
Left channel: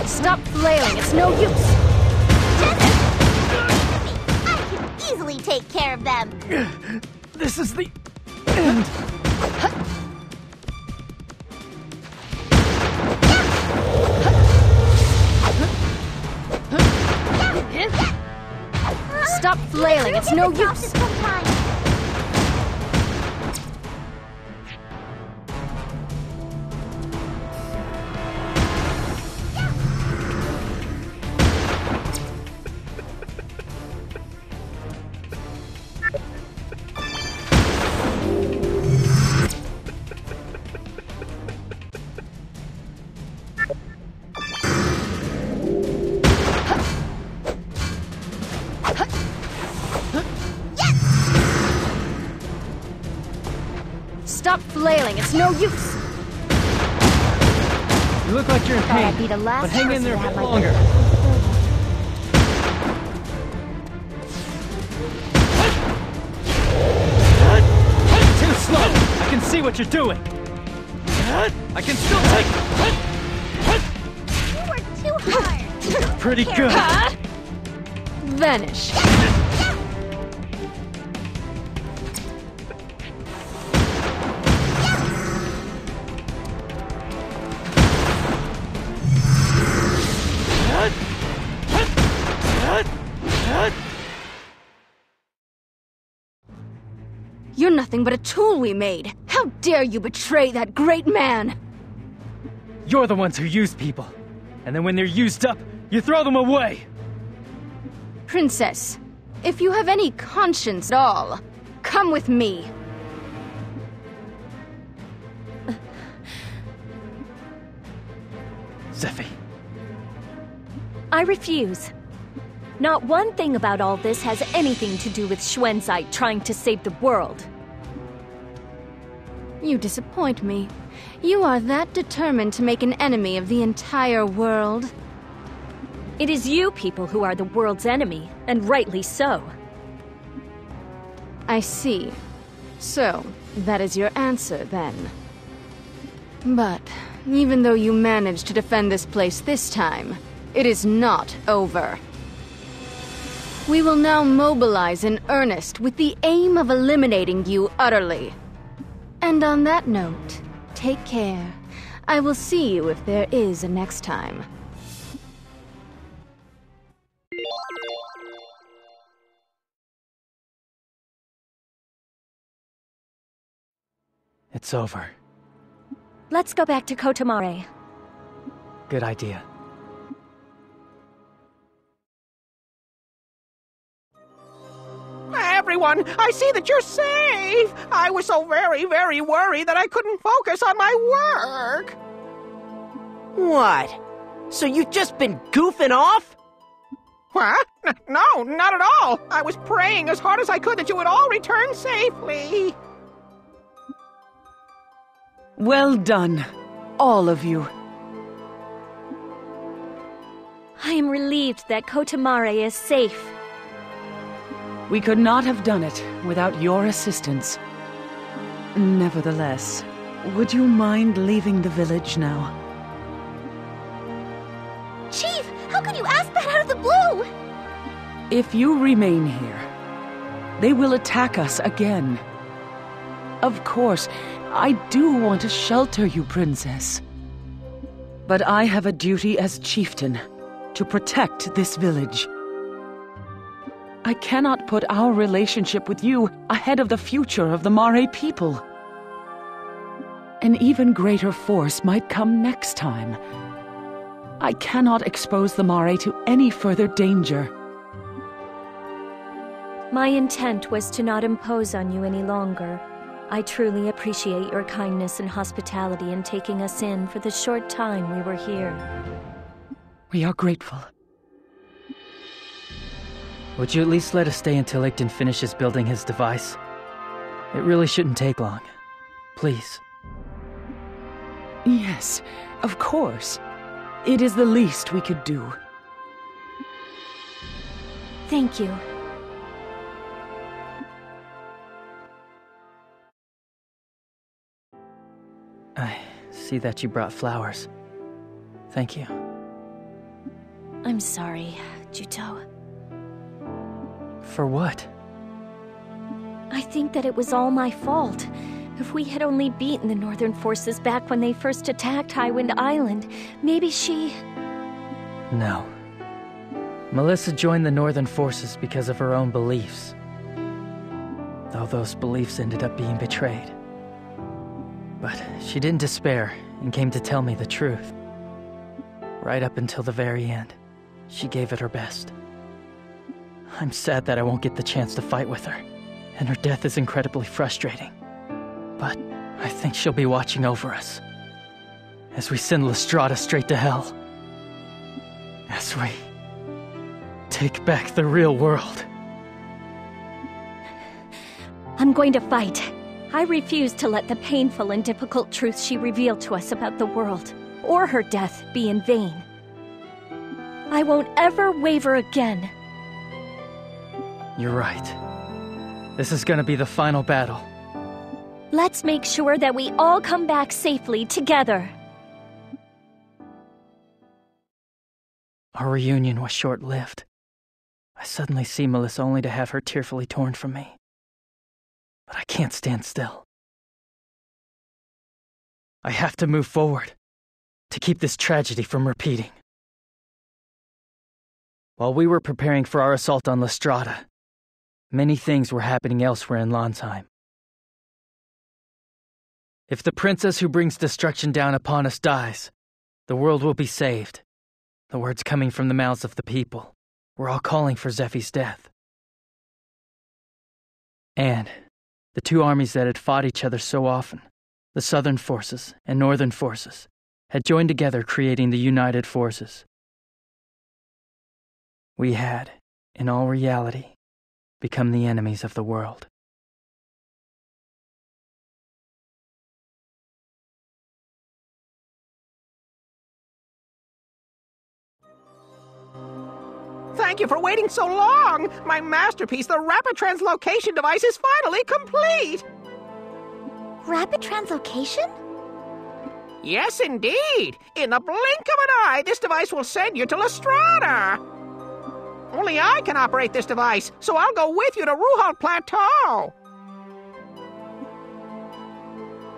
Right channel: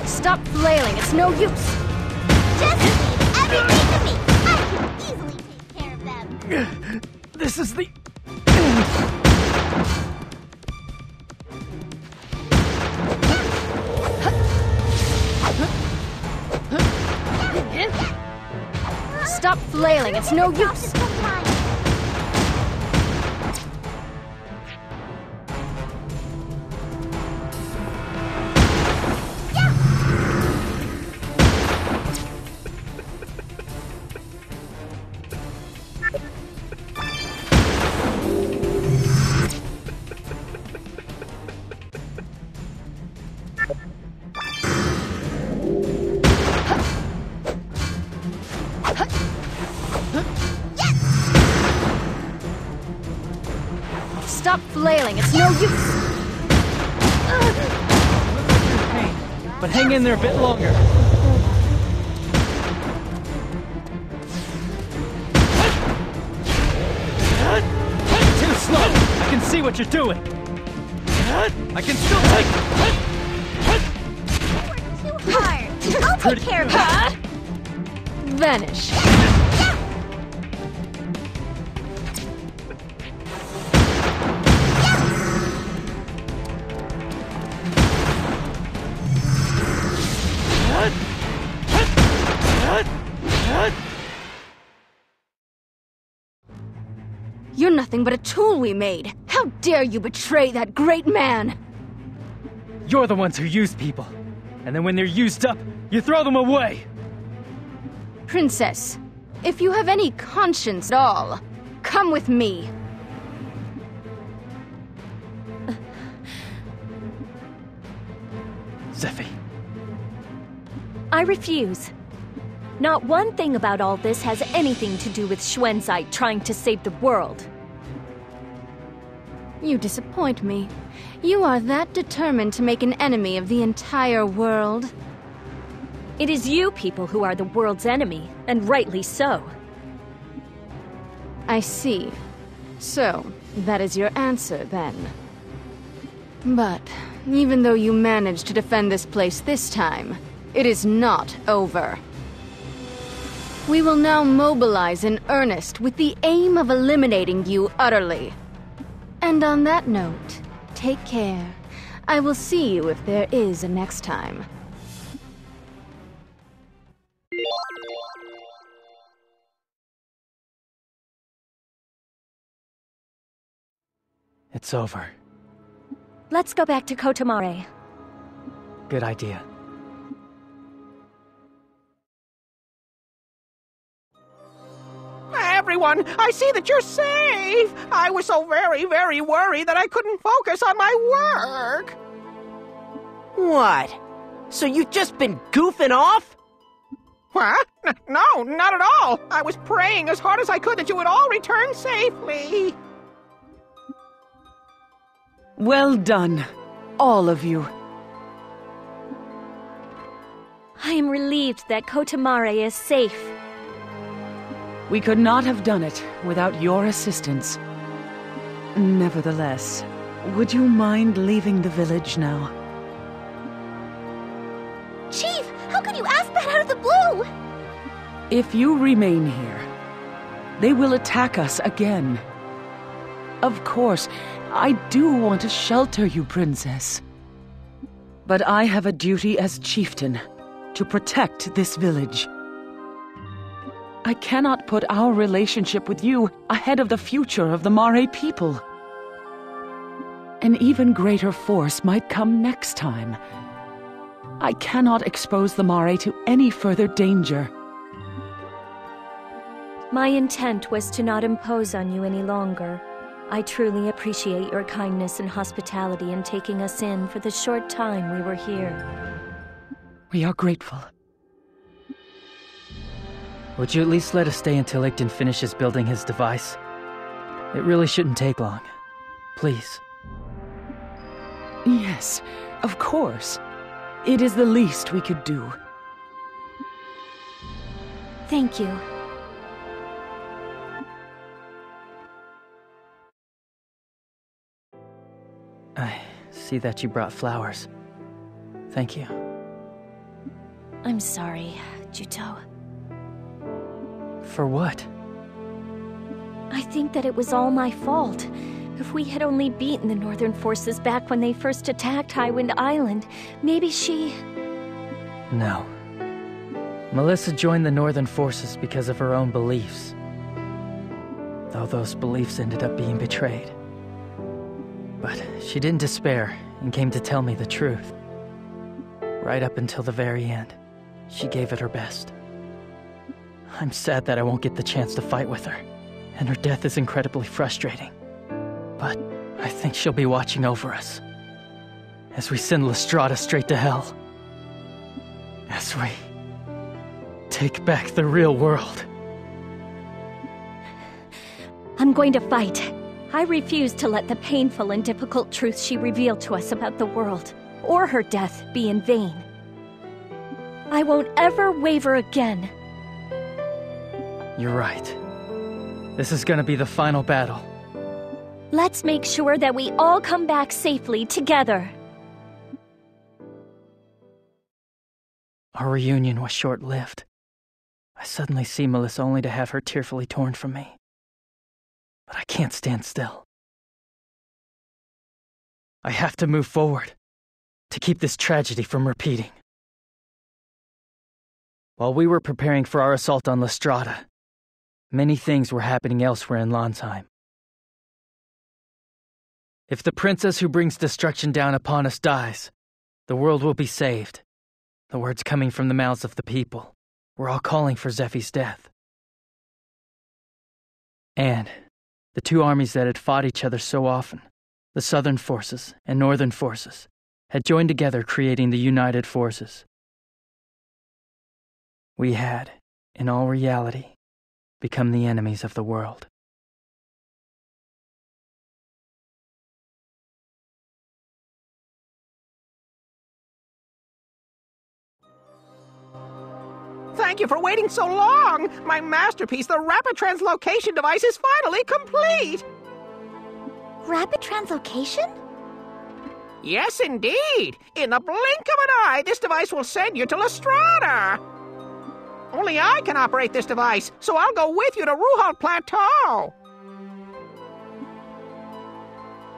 Stop flailing, it's no use! Everything to me! I can easily take care of them! This is the end! Stop flailing, it's no use! Stop flailing, it's no use! Thought I'd be the last Hang person. in there a bit longer. Too slow! I can see what you're doing! I can still take it! Pretty good! Vanish. You're nothing but a tool we made. How dare you betray that great man? You're the ones who use people. And then when they're used up, you throw them away! Princess, if you have any conscience at all, come with me. Zephy. I refuse. Not one thing about all this has anything to do with Schwenzite trying to save the world. You disappoint me. You are that determined to make an enemy of the entire world. It is you people who are the world's enemy, and rightly so. I see. So, that is your answer, then. But, even though you managed to defend this place this time, it is not over. We will now mobilize in earnest with the aim of eliminating you utterly. And on that note, take care. I will see you if there is a next time. It's over. Let's go back to Kotomare. Good idea. Everyone, I see that you're safe! I was so very, very worried that I couldn't focus on my work! What? So you've just been goofing off? What? No, not at all! I was praying as hard as I could that you would all return safely! Well done, all of you. I am relieved that Kotamare is safe. We could not have done it without your assistance. Nevertheless, would you mind leaving the village now? Chief, how could you ask that out of the blue? If you remain here, they will attack us again. Of course, I do want to shelter you, Princess. But I have a duty as chieftain to protect this village. I cannot put our relationship with you ahead of the future of the Mare people. An even greater force might come next time. I cannot expose the Mare to any further danger. My intent was to not impose on you any longer. I truly appreciate your kindness and hospitality in taking us in for the short time we were here. We are grateful. Would you at least let us stay until Igton finishes building his device? It really shouldn't take long. Please. Yes, of course. It is the least we could do. Thank you. I see that you brought flowers. Thank you. I'm sorry, Juto. For what? I think that it was all my fault. If we had only beaten the Northern forces back when they first attacked Highwind Island, maybe she... No. Melissa joined the Northern forces because of her own beliefs. Though those beliefs ended up being betrayed. But she didn't despair and came to tell me the truth. Right up until the very end, she gave it her best. I'm sad that I won't get the chance to fight with her, and her death is incredibly frustrating. But I think she'll be watching over us. As we send Lestrada straight to hell. As we take back the real world. I'm going to fight. I refuse to let the painful and difficult truth she revealed to us about the world, or her death, be in vain. I won't ever waver again. You're right. This is gonna be the final battle. Let's make sure that we all come back safely together. Our reunion was short-lived. I suddenly see Melissa only to have her tearfully torn from me. But I can't stand still. I have to move forward, to keep this tragedy from repeating. While we were preparing for our assault on Lestrada, many things were happening elsewhere in Lonsheim. If the princess who brings destruction down upon us dies, the world will be saved. The words coming from the mouths of the people. We're all calling for Zephy's death. And the two armies that had fought each other so often, the Southern forces and Northern forces, had joined together creating the United Forces. We had, in all reality, become the enemies of the world. Thank you for waiting so long! My masterpiece, the rapid translocation device, is finally complete! Rapid translocation? Yes, indeed! In the blink of an eye, this device will send you to Lestrada! Only I can operate this device, so I'll go with you to Ruhal Plateau!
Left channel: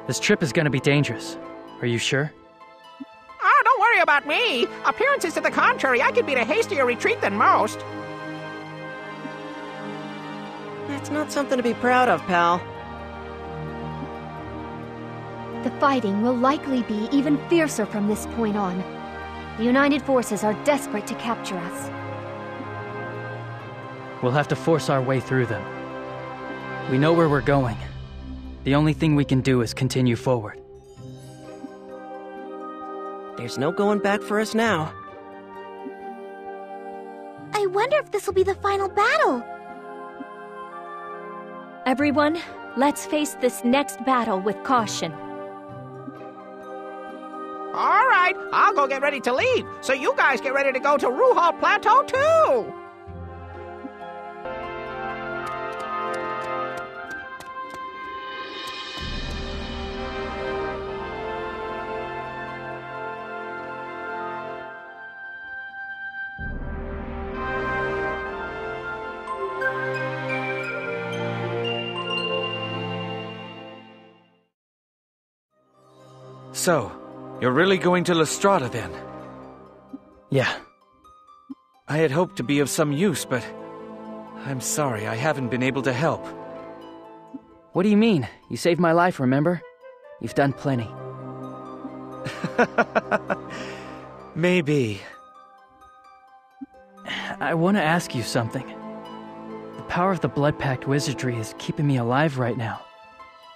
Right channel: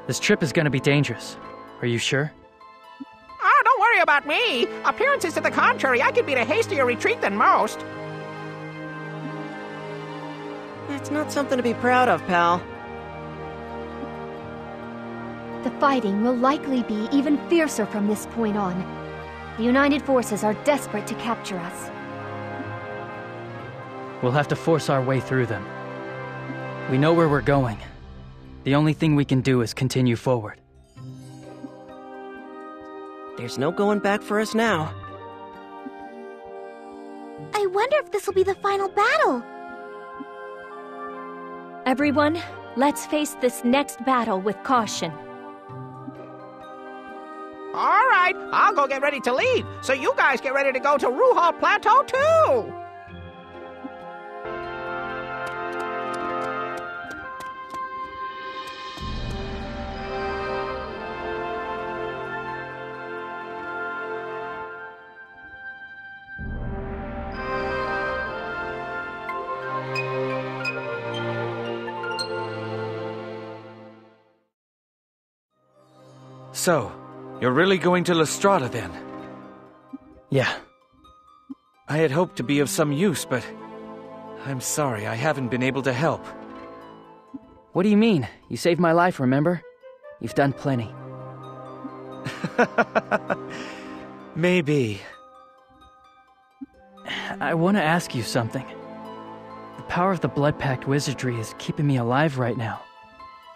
This trip is gonna be dangerous. Are you sure? Ah, don't worry about me! Appearances to the contrary, I can beat a hastier retreat than most. That's not something to be proud of, pal. The fighting will likely be even fiercer from this point on. The United Forces are desperate to capture us. We'll have to force our way through them. We know where we're going. The only thing we can do is continue forward. There's no going back for us now. I wonder if this will be the final battle. Everyone, let's face this next battle with caution. right, I'll go get ready to leave, so you guys get ready to go to Ruhal Plateau too! So, you're really going to Lestrada then? Yeah. I had hoped to be of some use, but I'm sorry I haven't been able to help. What do you mean? You saved my life, remember? You've done plenty. Maybe. I want to ask you something. The power of the Blood Pact wizardry is keeping me alive right now,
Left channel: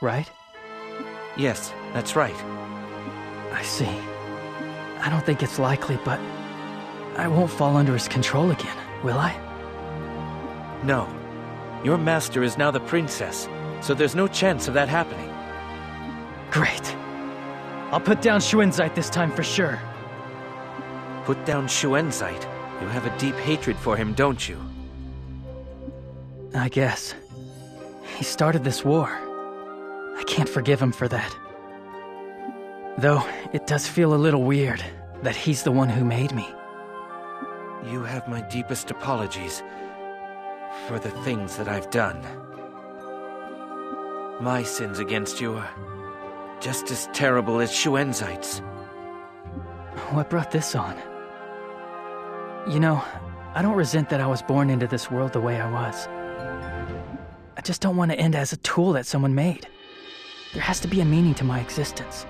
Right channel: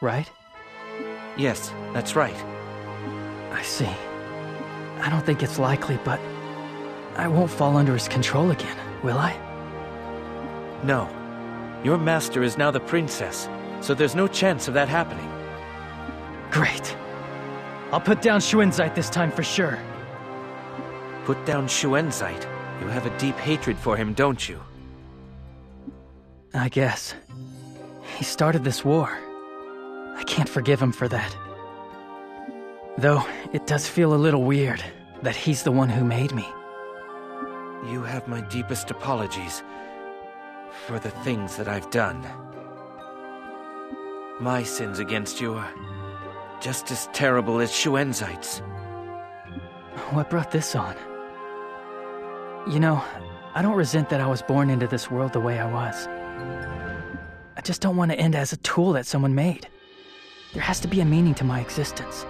right? Yes, that's right. I see. I don't think it's likely, but I won't fall under his control again, will I? No. Your master is now the princess, so there's no chance of that happening. Great. I'll put down Schuenzite this time for sure. Put down Schuenzite? You have a deep hatred for him, don't you? I guess. He started this war. I can't forgive him for that. Though, it does feel a little weird that he's the one who made me. You have my deepest apologies for the things that I've done. My sins against you are just as terrible as Schuenzite's. What brought this on? You know, I don't resent that I was born into this world the way I was. I just don't want to end as a tool that someone made. There has to be a meaning to my existence.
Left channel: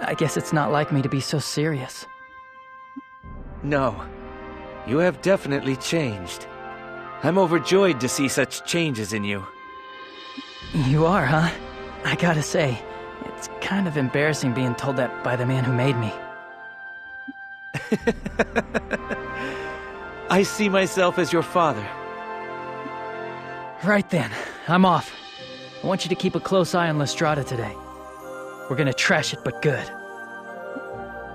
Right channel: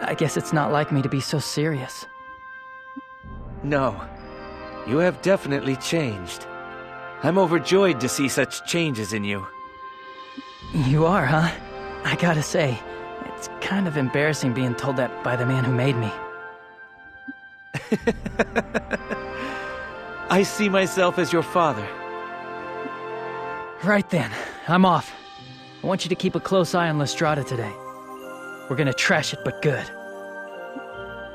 I guess it's not like me to be so serious. No. You have definitely changed. I'm overjoyed to see such changes in you. You are, huh? I gotta say, it's kind of embarrassing being told that by the man who made me. I see myself as your father. Right then, I'm off. I want you to keep a close eye on Lestrada today. We're gonna trash it, but good.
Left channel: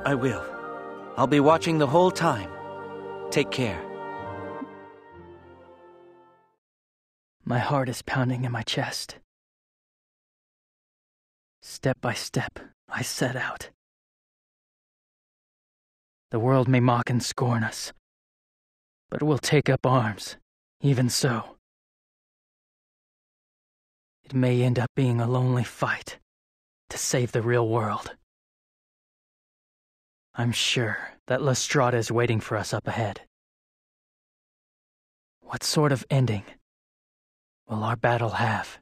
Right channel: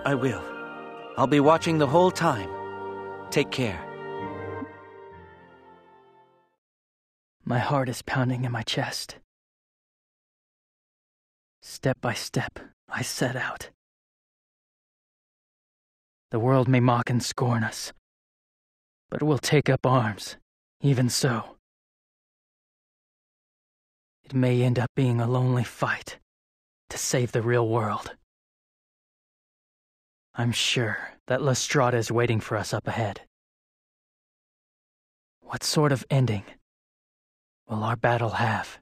I will. I'll be watching the whole time. Take care. My heart is pounding in my chest. Step by step, I set out. The world may mock and scorn us, but we'll take up arms, even so. It may end up being a lonely fight to save the real world. I'm sure that Lestrada is waiting for us up ahead. What sort of ending will our battle have?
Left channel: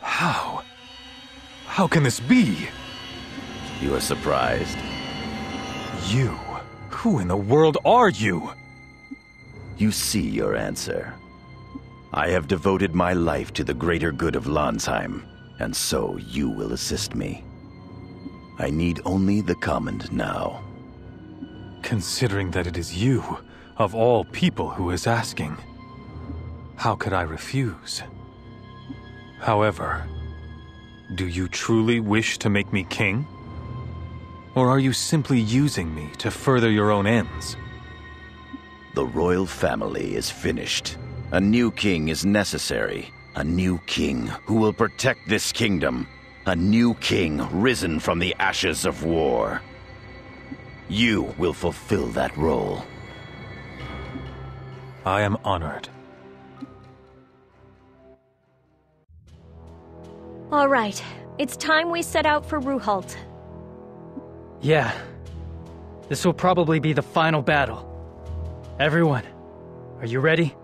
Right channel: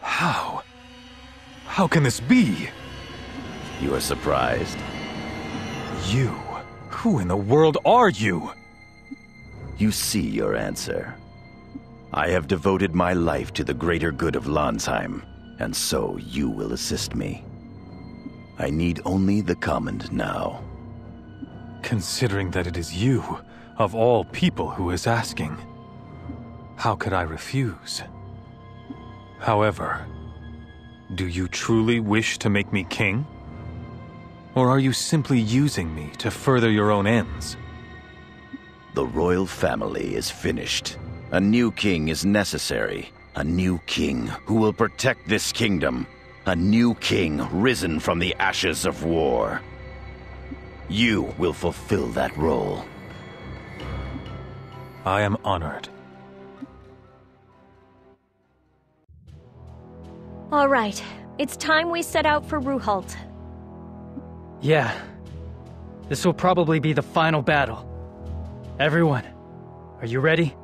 How? How can this be? You are surprised? You? Who in the world are you? You see your answer. I have devoted my life to the greater good of Landsheim, and so you will assist me. I need only the command now. Considering that it is you, of all people, who is asking, how could I refuse? However, do you truly wish to make me king? Or are you simply using me to further your own ends? The royal family is finished. A new king is necessary. A new king who will protect this kingdom. A new king risen from the ashes of war. You will fulfill that role. I am honored. All right, it's time we set out for Ruhalt. Yeah. This will probably be the final battle. Everyone, are you ready?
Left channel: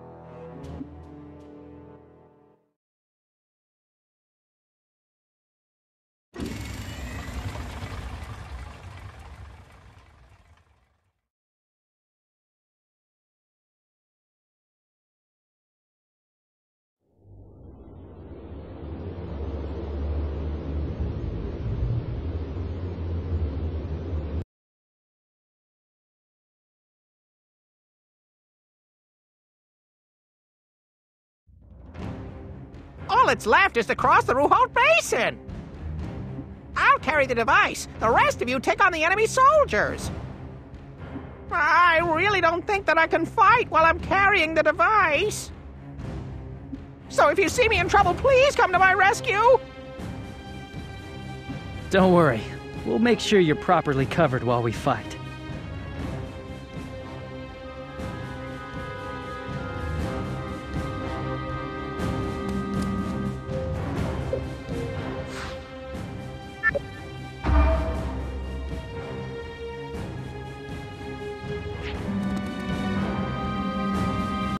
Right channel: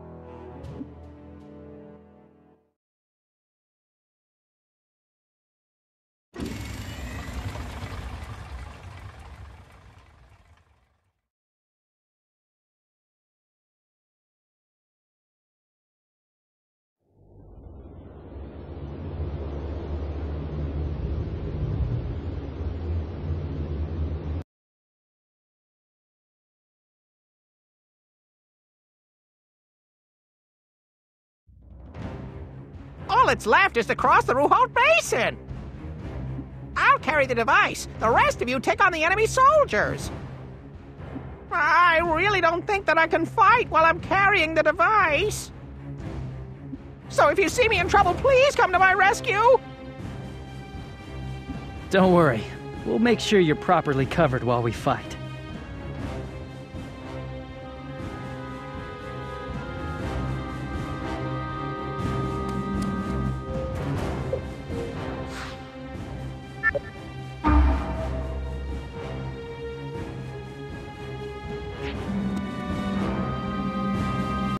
All that's left is to cross the Ruhalt Basin. I'll carry the device. The rest of you take on the enemy soldiers. I really don't think that I can fight while I'm carrying the device. So if you see me in trouble, please come to my rescue. Don't worry. We'll make sure you're properly covered while we fight.